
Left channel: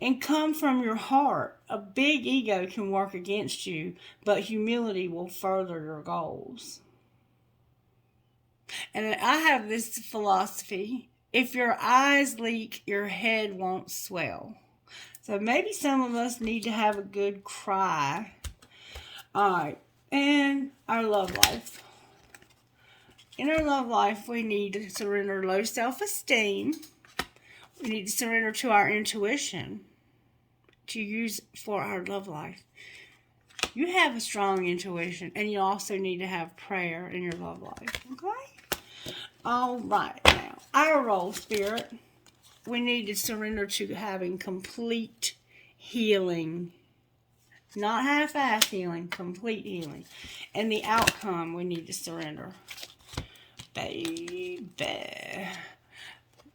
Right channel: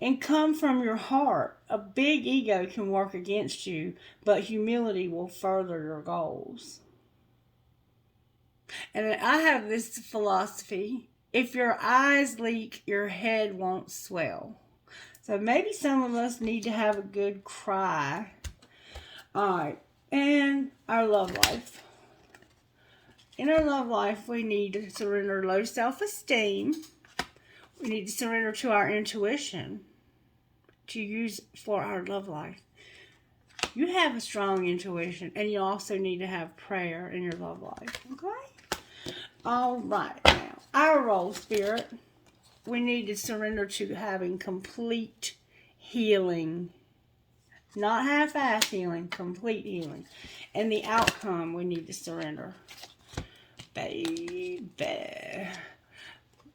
And come from your heart. A big ego can work against you, but humility will further your goals. And I have this philosophy. If your eyes leak, your head won't swell. So maybe some of us need to have a good cry. Alright. And our love life. In our love life, we need to surrender low self-esteem. We need to surrender to our intuition to use for our love life. You have a strong intuition, and you also need to have prayer in your love life. Okay? All right. Now, our role, Spirit, we need to surrender to having complete healing. Not half-ass healing, complete healing. And the outcome, we need to surrender. Baby.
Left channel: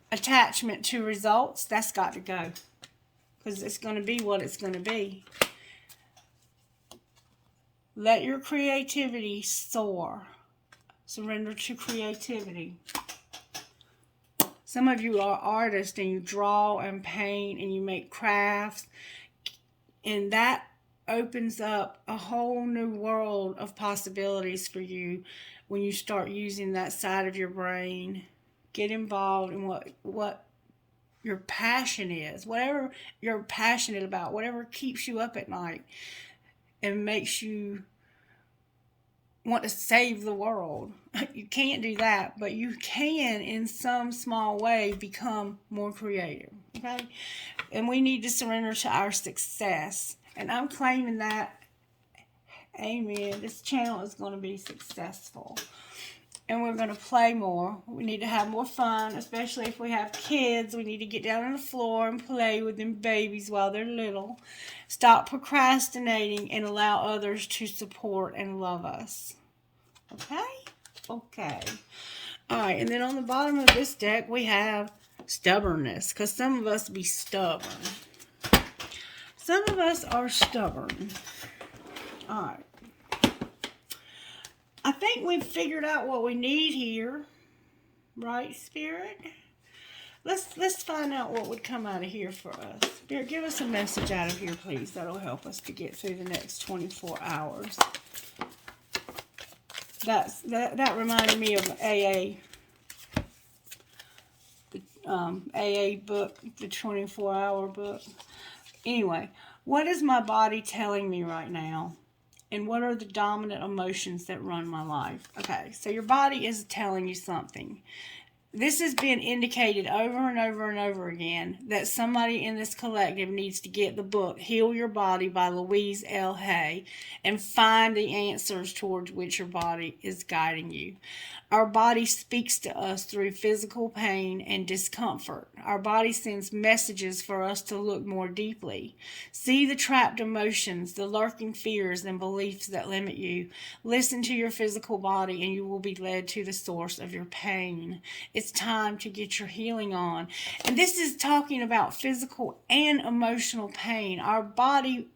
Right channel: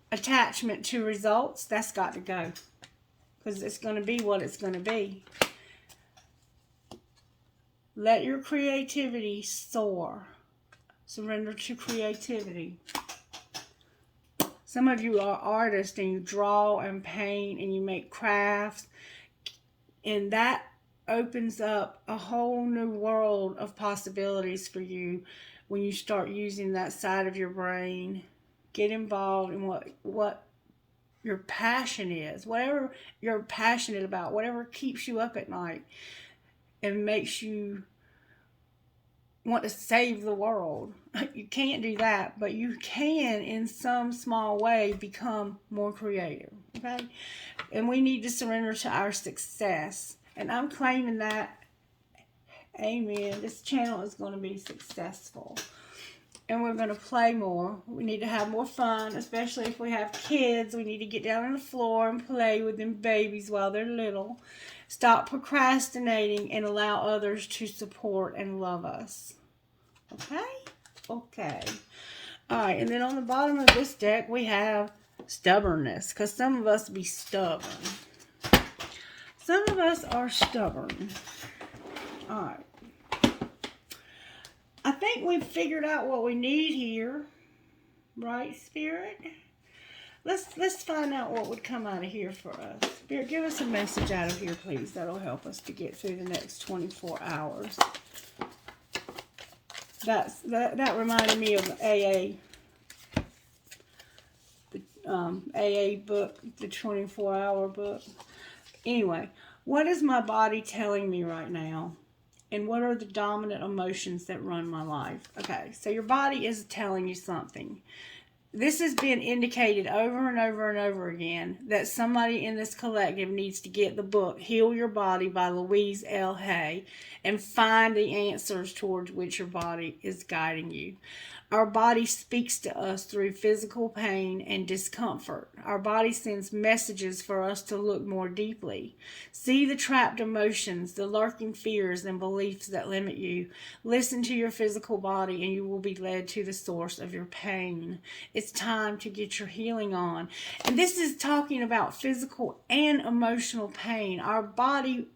Attachment to results, that's got to go. Because it's going to be what it's going to be. Let your creativity soar. Surrender to creativity. Some of you are artists and you draw and paint and you make crafts. And that opens up a whole new world of possibilities for you when you start using that side of your brain. Get involved in what your passion is. Whatever you're passionate about. Whatever keeps you up at night and makes you want to save the world. You can't do that, but you can, in some small way, become more creative. Okay? And we need to surrender to our success. And I'm claiming that. Amen. This channel is going to be successful. And we're going to play more. We need to have more fun, especially if we have kids. We need to get down on the floor and play with them babies while they're little. Stop procrastinating and allow others to support and love us. Okay? Okay. All right, and then on the bottom of this deck, we have stubbornness, because some of us be stubborn. Some of us are stubborn. All right. I think we've figured out what we need here. Right, Spirit? Let's find out what would come out of here for us. Spirit, give us a message out of here, please. That'll help us to get through the next 24 hours. That reminded me of AA. The AA book, the 24-hour book. Anyway, what is my body telling me right now? And what are the dominant emotions that run my life? Okay, so your body is telling you something. This has been indicated over and over and over again that somebody in this collective needs to get the book Heal Your Body by Louise L. Hay and find the answers towards which your body is guiding you. Our body speaks to us through physical pain and discomfort. Our body sends messages for us to look more deeply. See the trapped emotions, the lurking fears and beliefs that limit you. Listen to your physical body and you will be led to the source of your pain. It's time to get your healing on. And this is talking about physical and emotional pain. Our body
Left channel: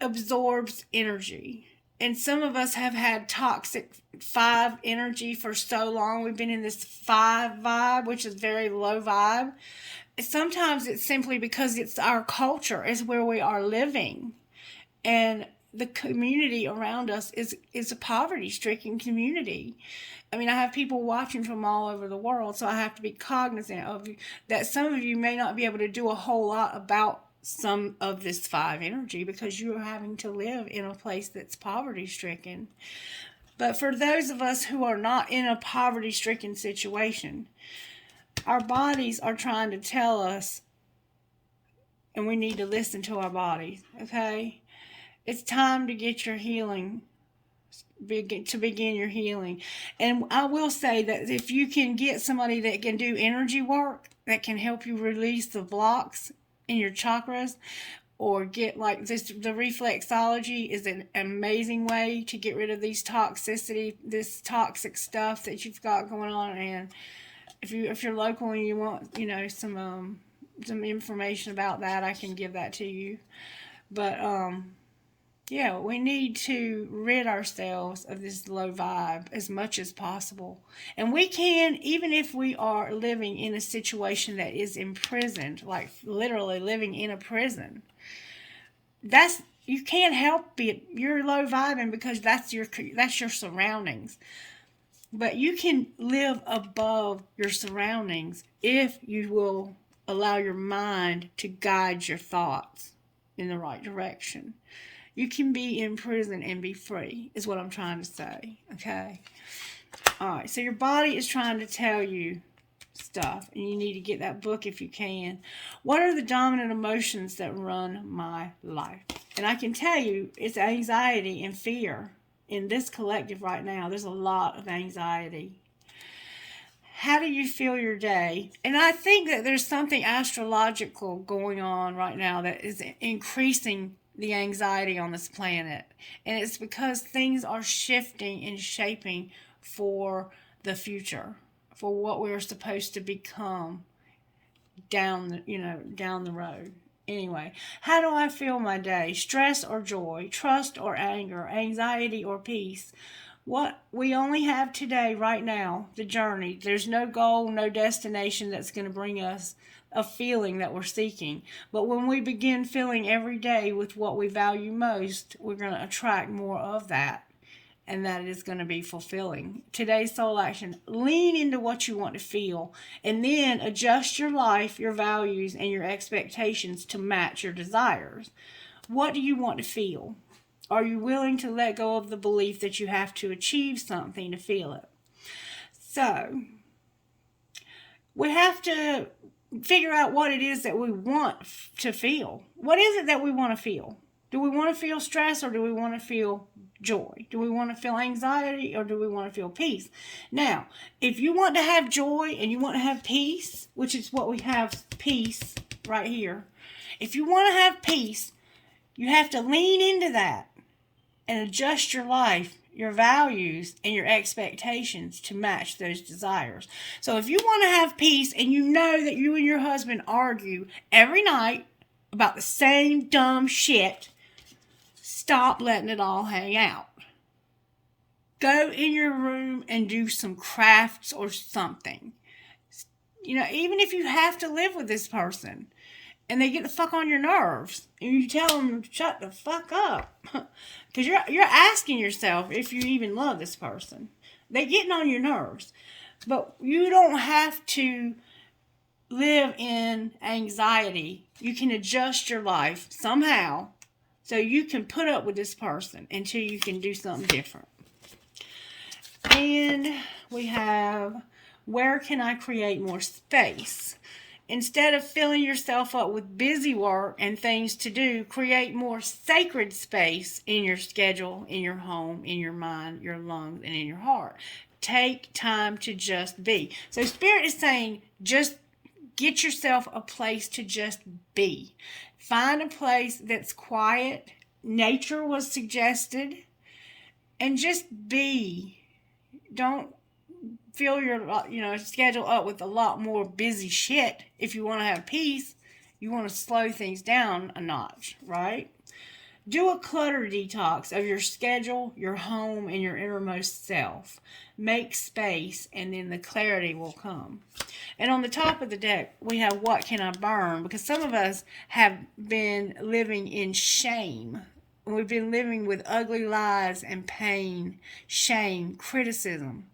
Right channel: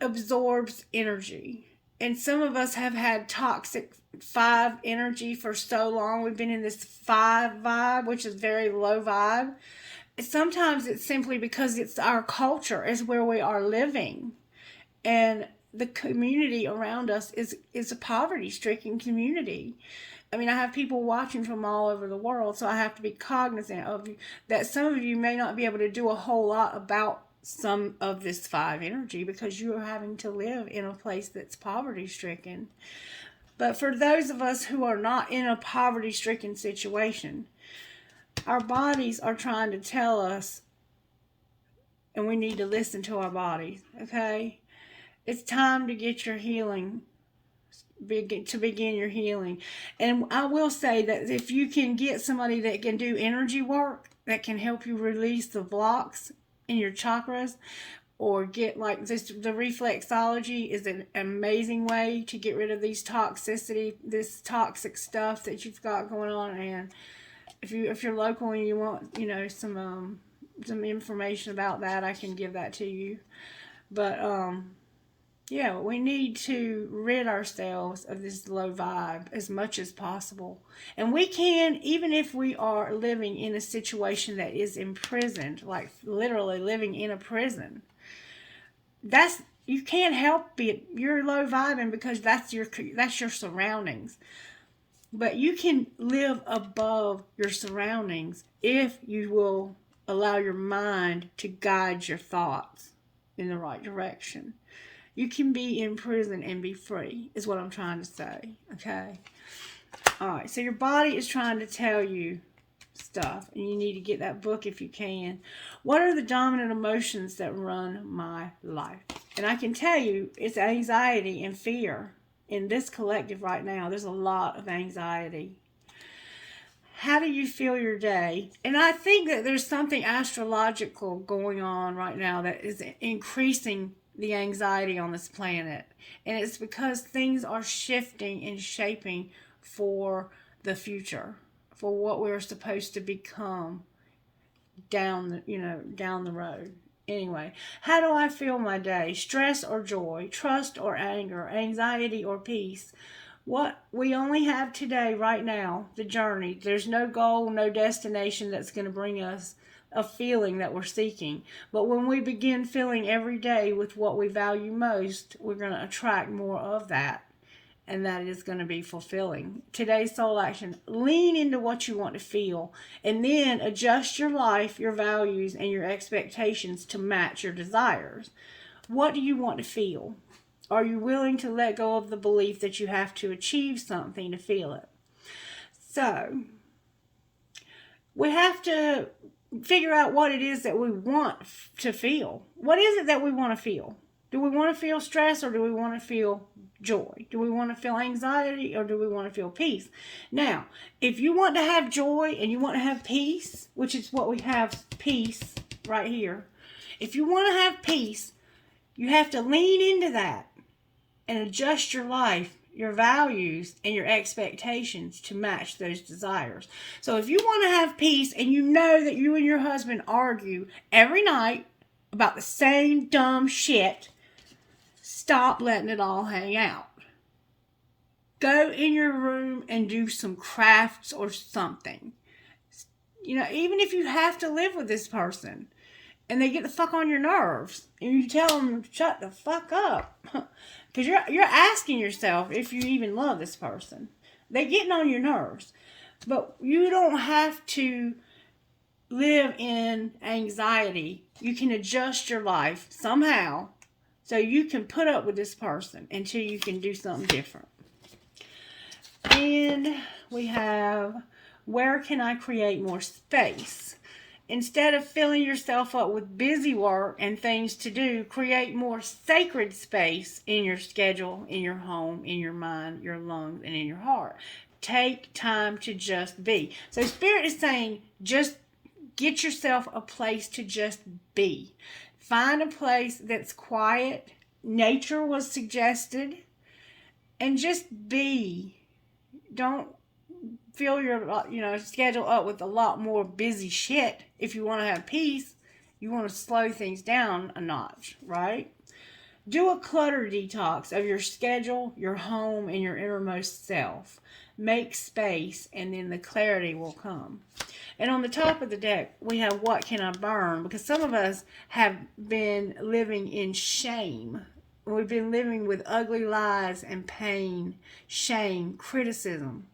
absorbs energy. And some of us have had toxic 5 energy for so long. We've been in this 5 vibe, which is very low vibe. Sometimes it's simply because it's our culture, is where we are living. And the community around us is a poverty-stricken community. I mean, I have people watching from all over the world, so I have to be cognizant of that some of you may not be able to do a whole lot about some of this 5 energy because you are having to live in a place that's poverty stricken. But for those of us who are not in a poverty stricken situation, our bodies are trying to tell us, and we need to listen to our bodies. Okay, it's time to get your healing, to begin your healing. And I will say that if you can get somebody that can do energy work that can help you release the blocks in your chakras, or get like this, the reflexology is an amazing way to get rid of this toxic stuff that you've got going on. And if you're local and you want, some information about that, I can give that to you. But yeah, we need to rid ourselves of this low vibe as much as possible. And we can, even if we are living in a situation that is imprisoned, like literally living in a prison, you can't help it. You're low vibing because that's your surroundings. But you can live above your surroundings if you will allow your mind to guide your thoughts in the right direction. You can be in prison and be free, is what I'm trying to say, okay? All right, so your body is trying to tell you stuff, and you need to get that book if you can. What are the dominant emotions that run my life? And I can tell you, it's anxiety and fear. In this collective right now, there's a lot of anxiety. How do you feel your day? And I think that there's something astrological going on right now that is increasing the anxiety on this planet. And it's because things are shifting and shaping for the future, for what we're supposed to become down the road. Anyway, how do I feel my day? Stress or joy? Trust or anger? Anxiety or peace? What we only have today, right now, the journey. There's no goal, no destination that's going to bring us a feeling that we're seeking. But when we begin feeling every day with what we value most, we're going to attract more of that. And that is going to be fulfilling. Today's soul action. Lean into what you want to feel. And then adjust your life, your values, and your expectations to match your desires. What do you want to feel? Are you willing to let go of the belief that you have to achieve something to feel it? So, we have to figure out what it is that we want to feel. What is it that we want to feel? Do we want to feel stress or do we want to feel joy? Do we want to feel anxiety or do we want to feel peace? Now, if you want to have joy and you want to have peace, which is what we have, peace right here. If you want to have peace, you have to lean into that and adjust your life, your values, and your expectations to match those desires. So if you want to have peace and you know that you and your husband argue every night about the same dumb shit, stop letting it all hang out. Go in your room and do some crafts or something. You know, even if you have to live with this person and they get the fuck on your nerves and you tell them to shut the fuck up. Because you're asking yourself if you even love this person. They're getting on your nerves. But you don't have to live in anxiety. You can adjust your life somehow so you can put up with this person until you can do something different. And we have, where can I create more space? Instead of filling yourself up with busy work and things to do, create more sacred space in your schedule, in your home, in your mind, your lungs, and in your heart. Take time to just be. So Spirit is saying, just get yourself a place to just be. Find a place that's quiet. Nature was suggested. And just be. Don't fill your schedule up with a lot more busy shit. If you want to have peace, you want to slow things down a notch, right? Do a clutter detox of your schedule, your home, and your innermost self. Make space, and then the clarity will come. And on the top of the deck, we have what can I burn? Because some of us have been living in shame. We've been living with ugly lies and pain, shame, criticism.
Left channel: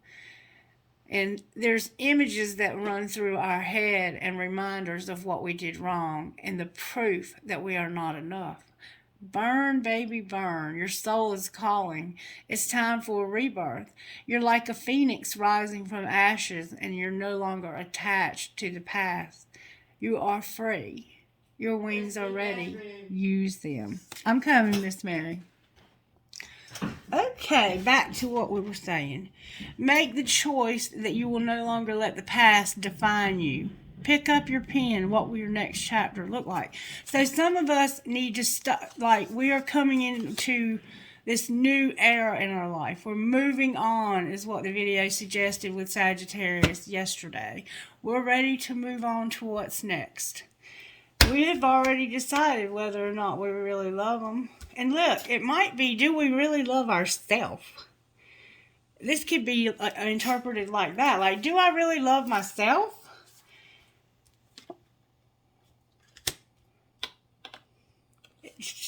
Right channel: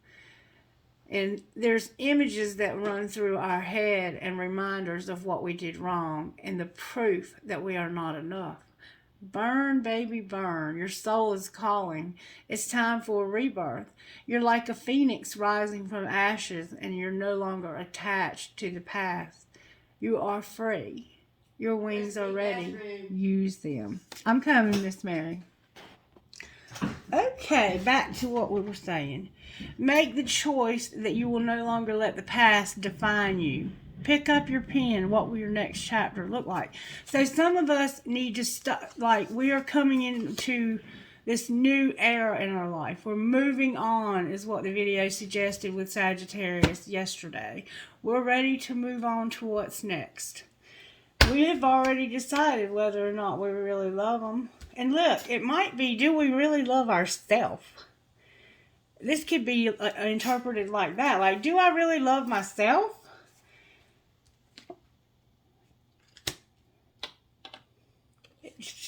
And there's images that run through our head and reminders of what we did wrong and the proof that we are not enough. Burn, baby, burn. Your soul is calling. It's time for a rebirth. You're like a phoenix rising from ashes, and you're no longer attached to the past. You are free. Your wings are ready. Use them. I'm coming, Miss Mary. Okay, back to what we were saying. Make the choice that you will no longer let the past define you. Pick up your pen. What will your next chapter look like? So some of us need to stop. Like, we are coming into this new era in our life. We're moving on, is what the video suggested with Sagittarius yesterday. We're ready to move on to what's next. We have already decided whether or not we really love them. And look, it might be, do we really love ourselves? This could be interpreted like that. Like, do I really love myself?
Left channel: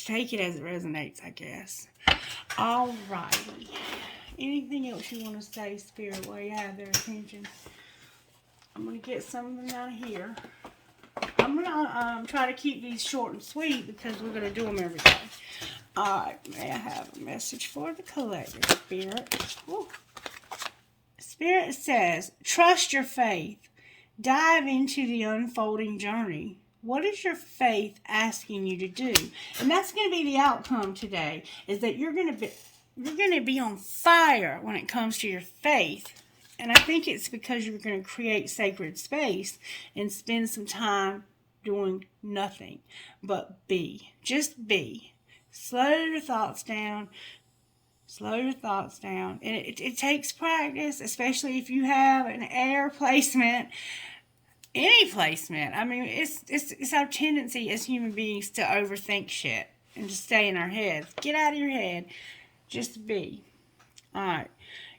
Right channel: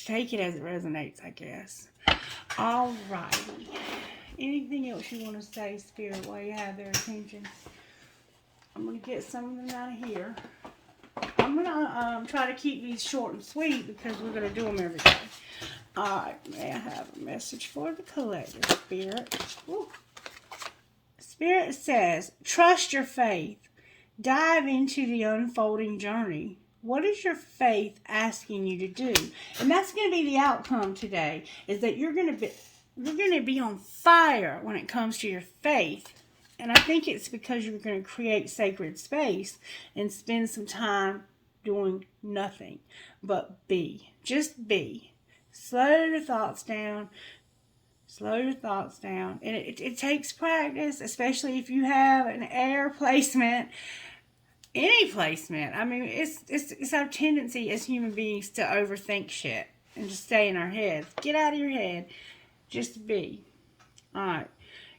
Take it as it resonates, I guess. Alrighty. Anything else you want to say, Spirit, while you have their attention? I'm going to get some of them out of here. I'm going to try to keep these short and sweet because we're going to do them every day. Alright, may I have a message for the collective, Spirit? Ooh. Spirit says, trust your faith. Dive into the unfolding journey. What is your faith asking you to do? And that's going to be the outcome today, is that you're going to be on fire when it comes to your faith. And I think it's because you're going to create sacred space and spend some time doing nothing but be. Just be. Slow your thoughts down. Slow your thoughts down. And it takes practice, especially if you have an air placement. Any placement. I mean, it's our tendency as human beings to overthink shit and to stay in our heads. Get out of your head. Just be. Alright.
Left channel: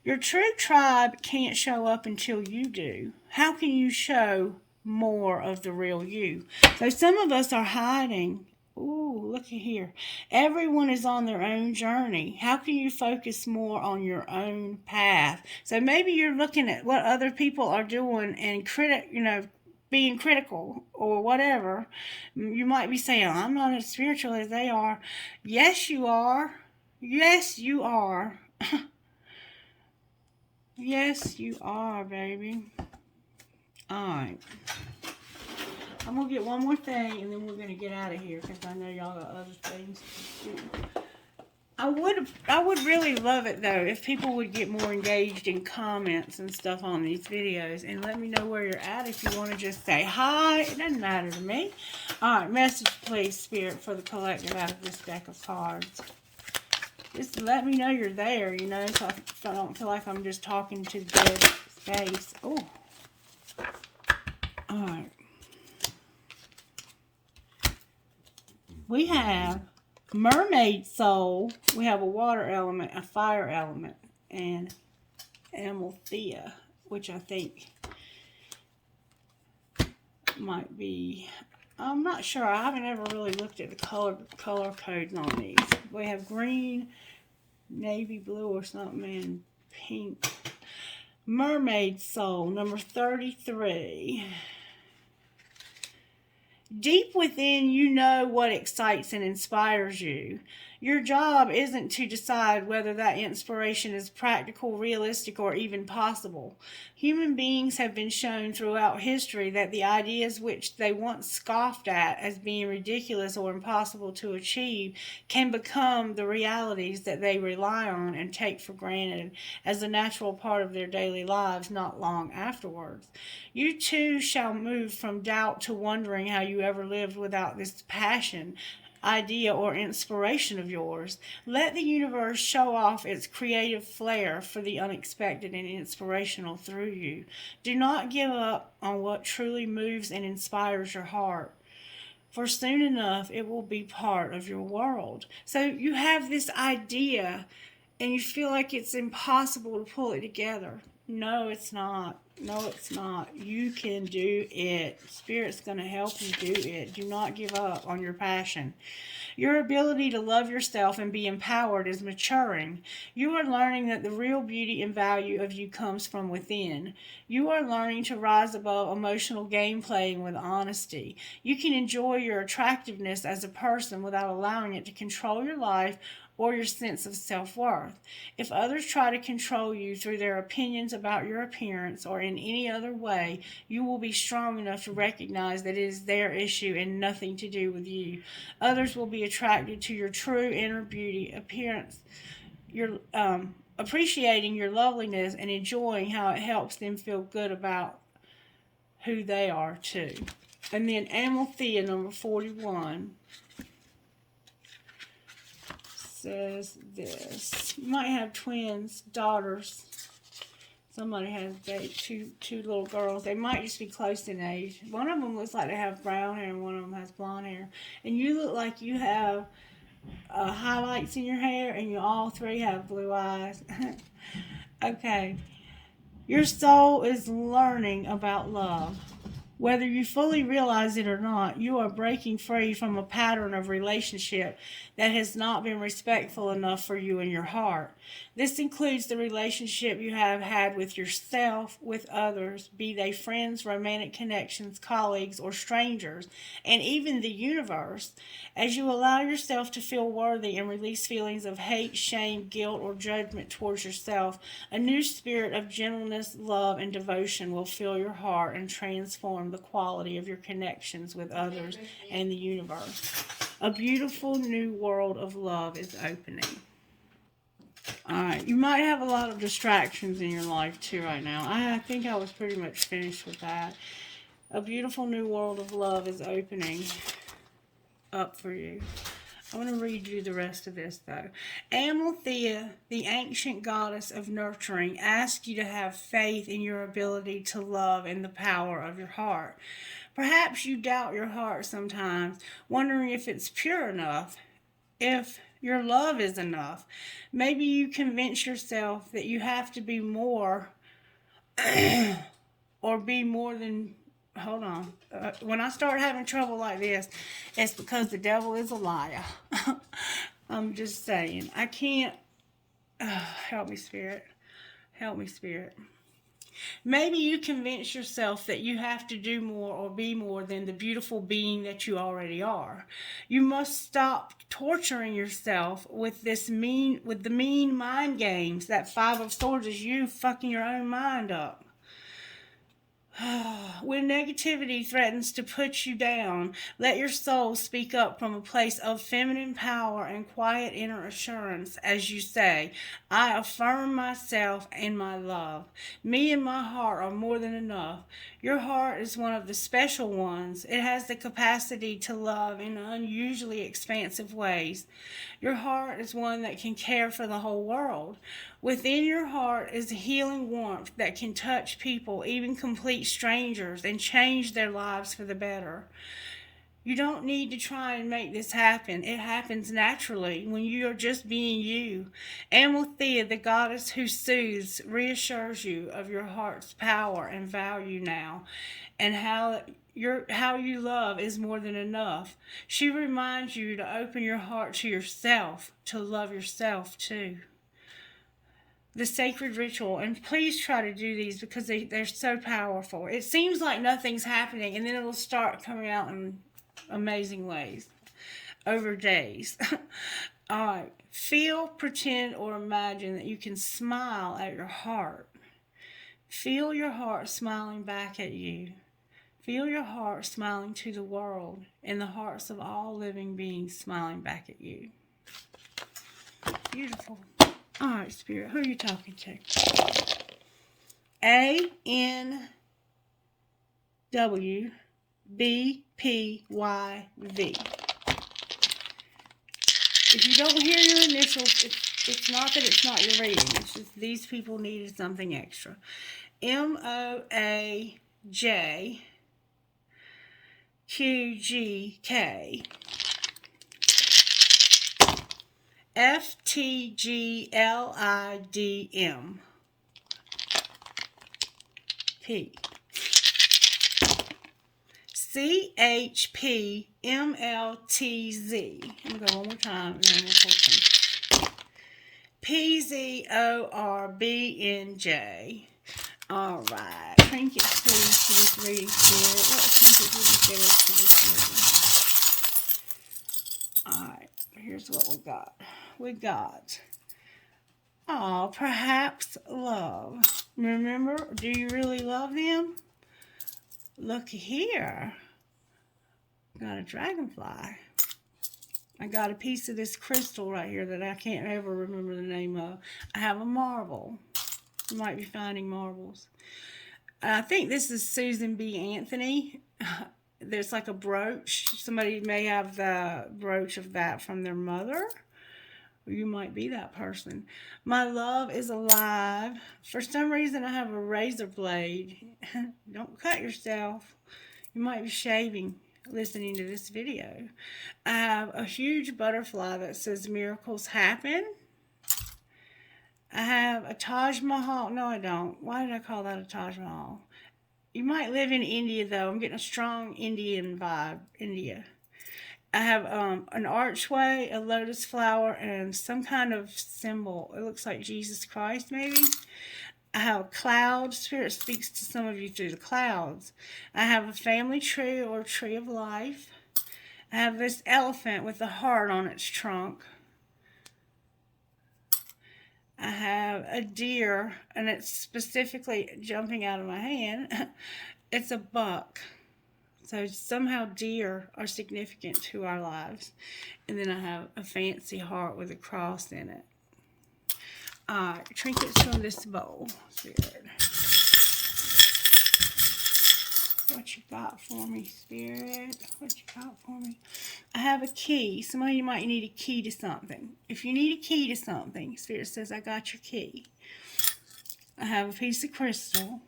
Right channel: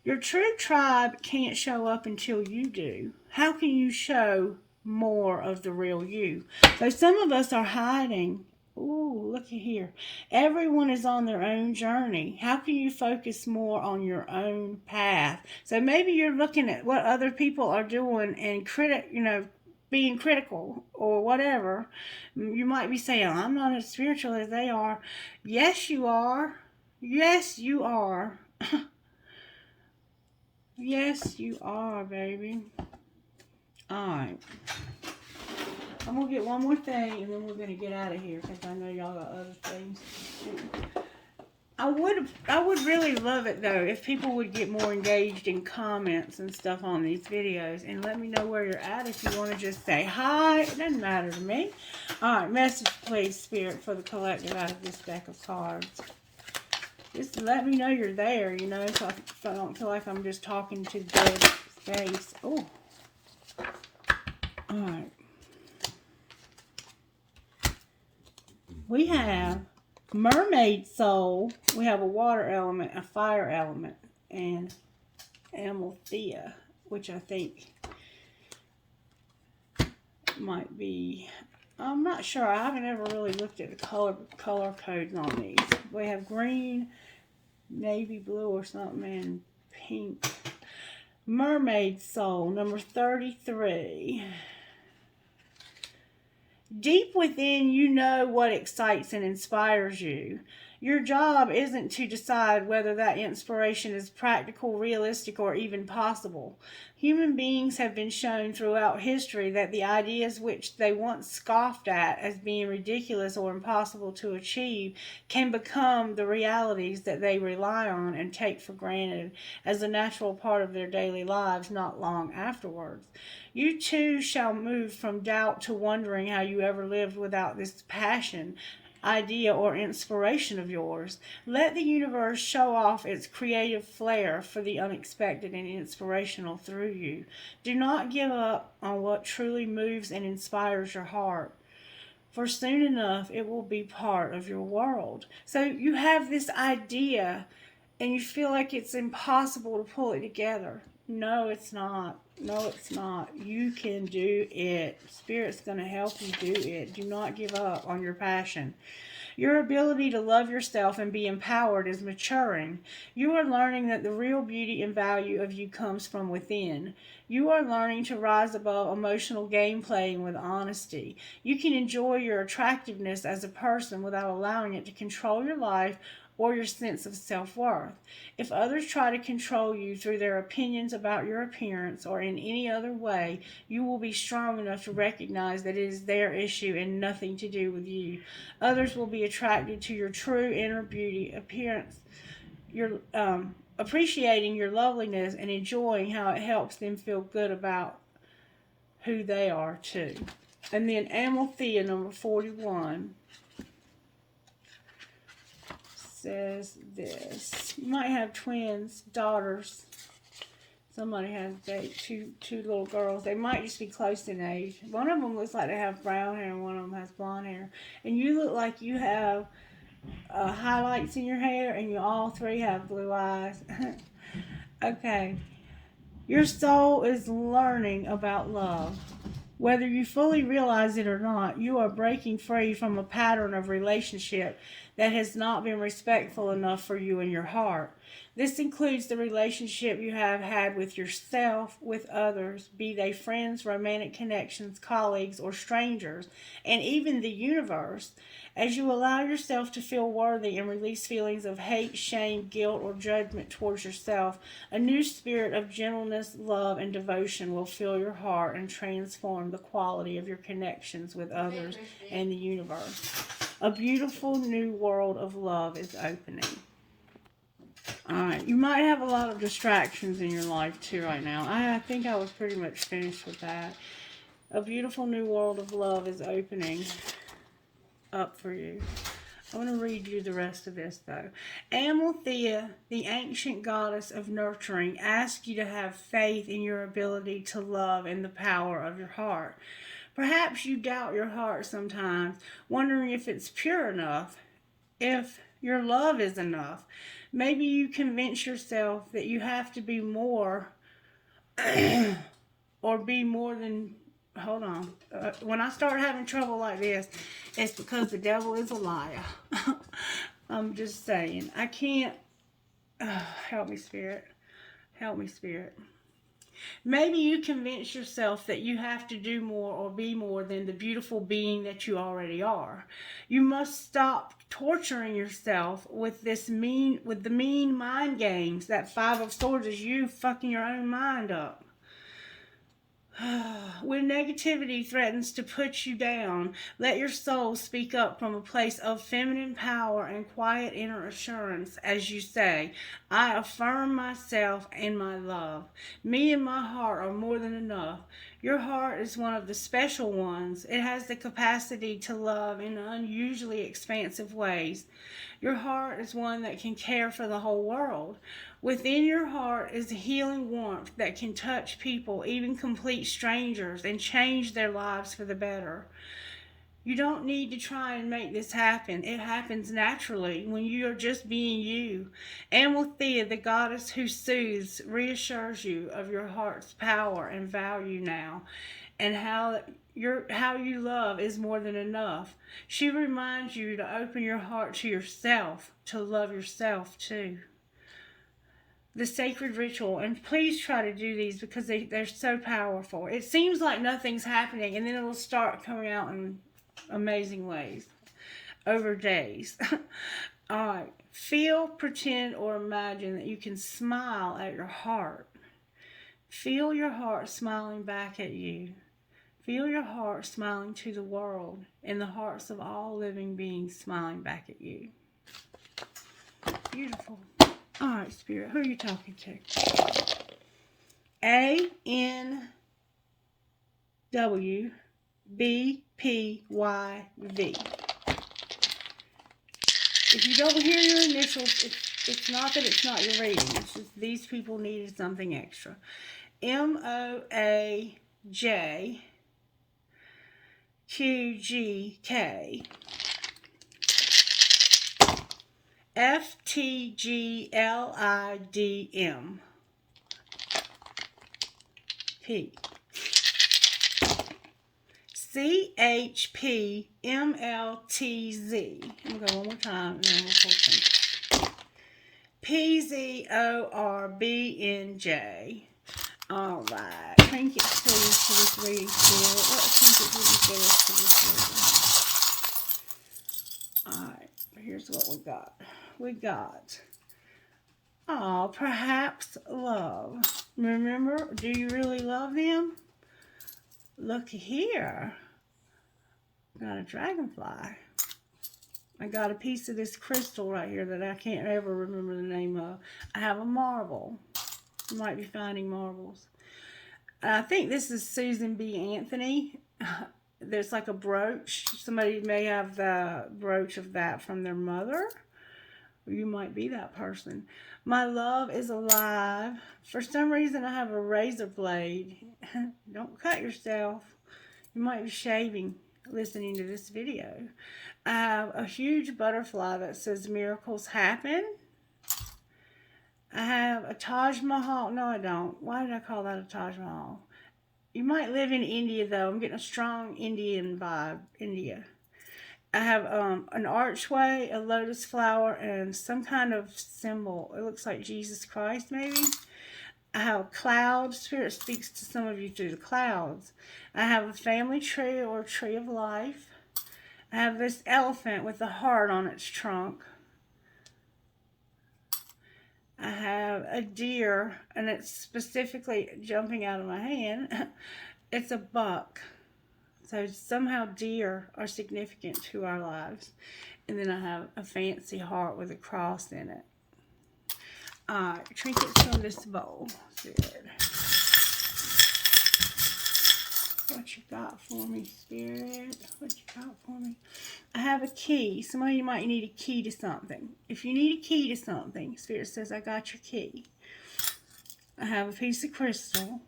Your true tribe can't show up until you do. How can you show more of the real you? So some of us are hiding. Ooh, look at here. Everyone is on their own journey. How can you focus more on your own path? So maybe you're looking at what other people are doing and being critical or whatever. You might be saying, I'm not as spiritual as they are. Yes, you are. Yes, you are. Yes, you are, baby. Alright. I'm going to get one more thing, and then we're going to get out of here, because I know y'all got other things to do. I would really love it, though, if people would get more engaged in comments and stuff on these videos, and let me know where you're at. If you want to just say hi, it doesn't matter to me. Alright, message, please, Spirit, for the collective out of this deck of cards. Just let me know you're there, you know, so I don't feel like I'm just talking to dead space. Oh. Alright. We have Mermaid Soul. We have a water element, a fire element, and Amalthea, which I think might be, I'm not sure. I haven't ever really looked at the color codes on these. We have green, navy blue or something, and pink. Mermaid Soul, number 33. Deep within, you know what excites and inspires you. Your job isn't to decide whether that inspiration is practical, realistic, or even possible. Human beings have been shown throughout history that the ideas which they once scoffed at as being ridiculous or impossible to achieve can become the realities that they rely on and take for granted as a natural part of their daily lives not long afterwards. You too shall move from doubt to wondering how you ever lived without this passion, idea, or inspiration of yours. Let the universe show off its creative flair for the unexpected and inspirational through you. Do not give up on what truly moves and inspires your heart, for soon enough it will be part of your world. So you have this idea and you feel like it's impossible to pull it together. No, it's not. No, it's not. You can do it. Spirit's going to help you do it. Do not give up on your passion. Your ability to love yourself and be empowered is maturing. You are learning that the real beauty and value of you comes from within. You are learning to rise above emotional game playing with honesty. You can enjoy your attractiveness as a person without allowing it to control your life or your sense of self-worth. If others try to control you through their opinions about your appearance or in any other way, you will be strong enough to recognize that it is their issue and nothing to do with you. Others will be attracted to your true inner beauty, appearance, your appreciating your loveliness and enjoying how it helps them feel good about who they are too. And then Amalthea, number 41. Says this. You might have twins, daughters. Somebody has two little girls. They might just be close in age. One of them looks like they have brown hair and one of them has blonde hair. And you look like you have highlights in your hair and you all three have blue eyes. Okay. Your soul is learning about love. Whether you fully realize it or not, you are breaking free from a pattern of relationship that has not been respectful enough for you and your heart. This includes the relationship you have had with yourself, with others, be they friends, romantic connections, colleagues, or strangers, and even the universe. As you allow yourself to feel worthy and release feelings of hate, shame, guilt, or judgment towards yourself, a new spirit of gentleness, love, and devotion will fill your heart and transform the quality of your connections with others and the universe. A beautiful new world of love is opening. Alright, you might have a lot of distractions in your life too right now. I think I was pretty much finished with that. A beautiful new world of love is opening up for you. I'm going to read you the rest of this though. Amalthea, the ancient goddess of nurturing, asks you to have faith in your ability to love and the power of your heart. Perhaps you doubt your heart sometimes, wondering if it's pure enough, if your love is enough. Maybe you convince yourself that you have to be more or be more than... Hold on. When I start having trouble like this, it's because the devil is a liar. I'm just saying. I can't... help me, Spirit. Help me, Spirit. Maybe you convince yourself that you have to do more or be more than the beautiful being that you already are. You must stop torturing yourself with the mean mind games. That Five of Swords is you fucking your own mind up. When negativity threatens to put you down, let your soul speak up from a place of feminine power and quiet inner assurance as you say, I affirm myself and my love. Me and my heart are more than enough. Your heart is one of the special ones. It has the capacity to love in unusually expansive ways. Your heart is one that can care for the whole world. Within your heart is a healing warmth that can touch people, even complete strangers, and change their lives for the better. You don't need to try and make this happen. It happens naturally when you are just being you. Amalthea, the goddess who soothes, reassures you of your heart's power and value now, and how you love is more than enough. She reminds you to open your heart to yourself, to love yourself too. The sacred ritual, and please try to do these because they're so powerful. It seems like nothing's happening, and then it'll start coming out in amazing ways over days. All right. Feel, pretend, or imagine that you can smile at your heart. Feel your heart smiling back at you. Feel your heart smiling to the world, and the hearts of all living beings smiling back at you. Beautiful. All right, Spirit, who are you talking to? ANWBPYV. If you don't hear your initials, it's not that it's not your reading. It's just these people needed something extra. MOAJQGK. FTGLIDM P CHPMLTZ. I'm going one more time and then I'm PZORBNJ. All right. Trinkets, please, for this reading, Spirit. What trinkets will be there for this reading? All right. Here's what we got. Perhaps love. Remember, do you really love them? Look here. Got a dragonfly. I got a piece of this crystal right here that I can't ever remember the name of. I have a marble. You might be finding marbles. I think this is Susan B. Anthony. There's like a brooch. Somebody may have the brooch of that from their mother. Or you might be that person. My love is alive. For some reason, I have a razor blade. Don't cut yourself. You might be shaving listening to this video. I have a huge butterfly that says miracles happen. I have a Taj Mahal. No, I don't. Why did I call that a Taj Mahal? You might live in India, though. I'm getting a strong Indian vibe. India. I have an archway, a lotus flower, and some kind of symbol. It looks like Jesus Christ, maybe. I have a cloud. Spirit speaks to some of you through the clouds. I have a family tree or tree of life. I have this elephant with a heart on its trunk. I have a deer, and it's specifically jumping out of my hand. It's a buck. So somehow deer are significant to our lives. And then I have a fancy heart with a cross in it. Trinkets from this bowl. Spirit. What you got for me, Spirit? What you got for me? I have a key. Some of you might need a key to something. If you need a key to something, Spirit says, I got your key. I have a piece of crystal.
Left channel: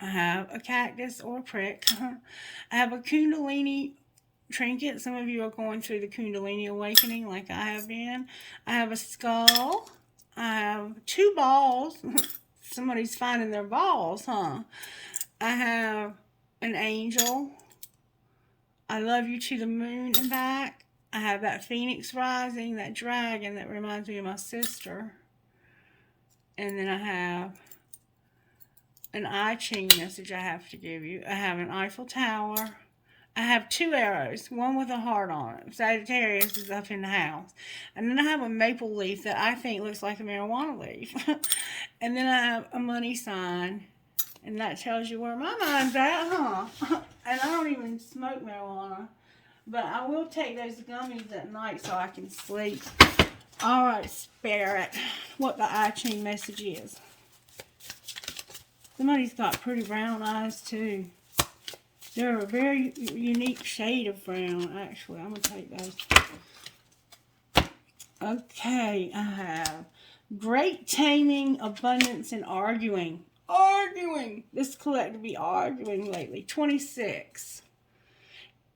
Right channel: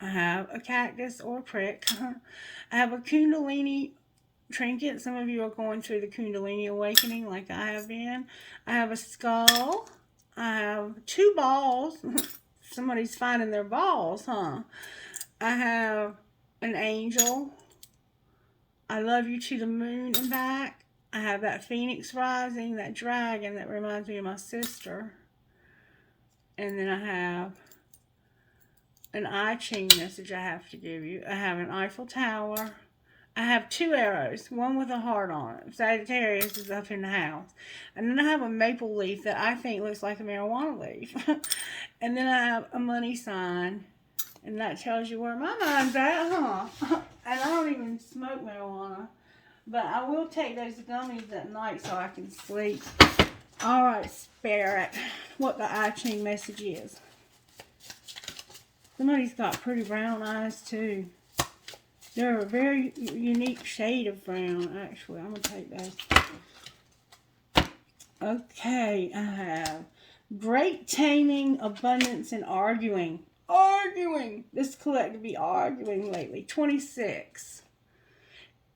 I have a cactus or a prick. I have a Kundalini trinket. Some of you are going through the Kundalini awakening like I have been. I have a skull. I have 2 balls. Somebody's finding their balls, huh? I have an angel. I love you to the moon and back. I have that phoenix rising, that dragon that reminds me of my sister. And then I have an I Ching message I have to give you. I have an Eiffel Tower. I have 2 arrows, one with a heart on it. Sagittarius is up in the house. And then I have a maple leaf that I think looks like a marijuana leaf. And then I have a money sign. And that tells you where my mind's at, huh? And I don't even smoke marijuana. But I will take those gummies at night so I can sleep. All right, Spirit, what the I Ching message is. Somebody's got pretty brown eyes, too. They're a very unique shade of brown, actually. I'm going to take those. Okay, I have great taming, abundance, and arguing. Arguing! This collective be arguing lately. 26.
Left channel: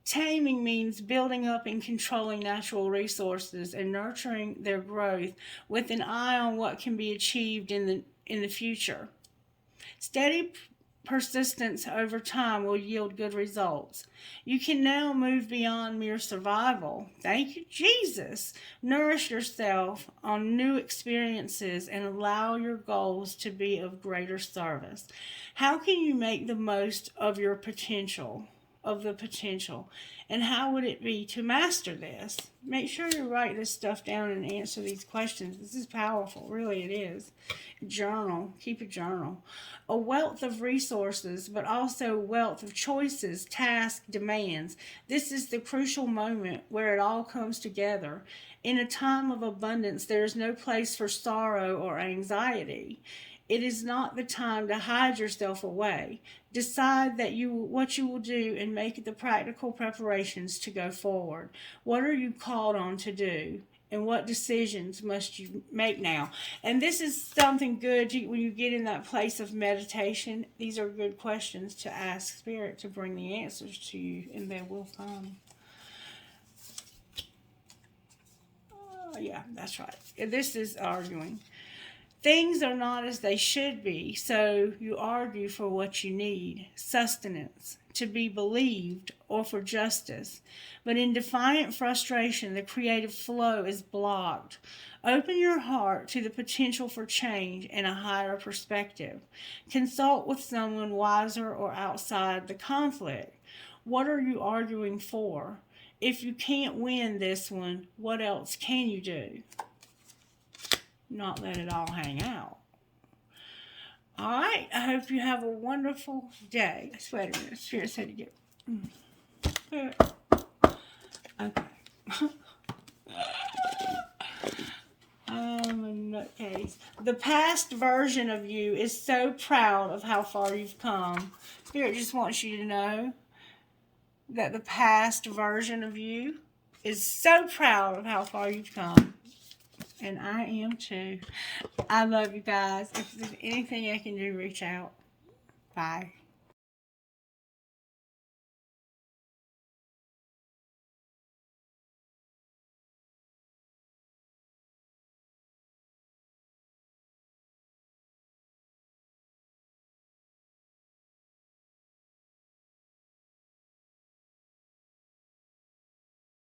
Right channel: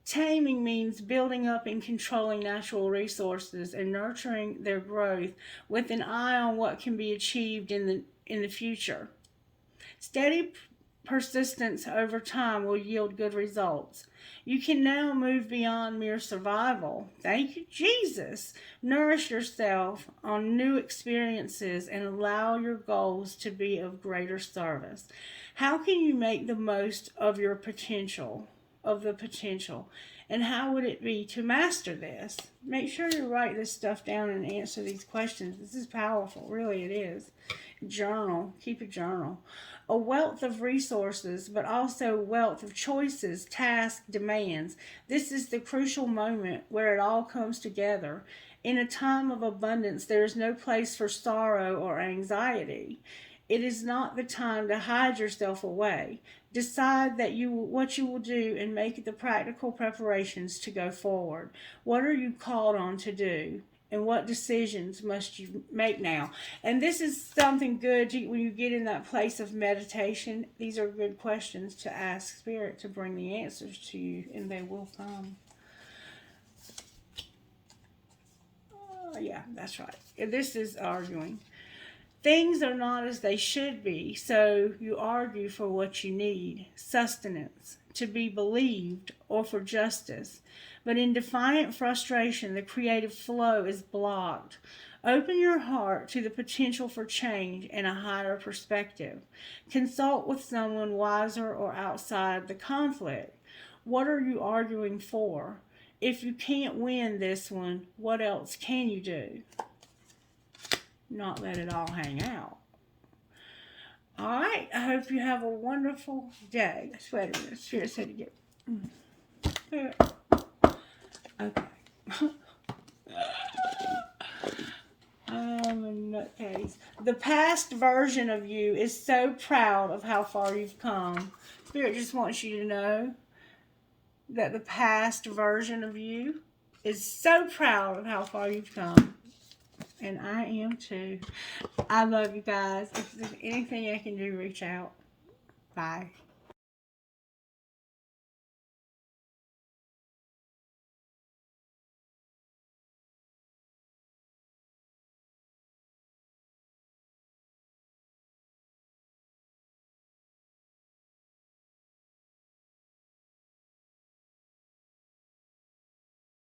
Taming means building up and controlling natural resources and nurturing their growth with an eye on what can be achieved in the future. Steady persistence over time will yield good results. You can now move beyond mere survival. Thank you, Jesus. Nourish yourself on new experiences and allow your goals to be of greater service. How can you make the most of your potential? And how would it be to master this? Make sure you write this stuff down and answer these questions. This is powerful, really it is. Journal, keep a journal. A wealth of resources, but also a wealth of choices, tasks, demands. This is the crucial moment where it all comes together. In a time of abundance, there is no place for sorrow or anxiety. It is not the time to hide yourself away. Decide what you will do and make the practical preparations to go forward. What are you called on to do? And what decisions must you make now? And this is something good when you get in that place of meditation. These are good questions to ask Spirit to bring the answers to you, and they will come. Yeah, that's right. This is arguing. Things are not as they should be, so you argue for what you need, sustenance, to be believed, or for justice. But in defiant frustration, the creative flow is blocked. Open your heart to the potential for change and a higher perspective. Consult with someone wiser or outside the conflict. What are you arguing for? If you can't win this one, what else can you do? Not let it all hang out. All right, I hope you have a wonderful day. Wait a minute, Spirit said to get... Okay. I'm a nutcase. The past version of you is so proud of how far you've come. Spirit just wants you to know that the past version of you is so proud of how far you've come. And I am too. I love you guys. If there's anything I can do, reach out. Bye.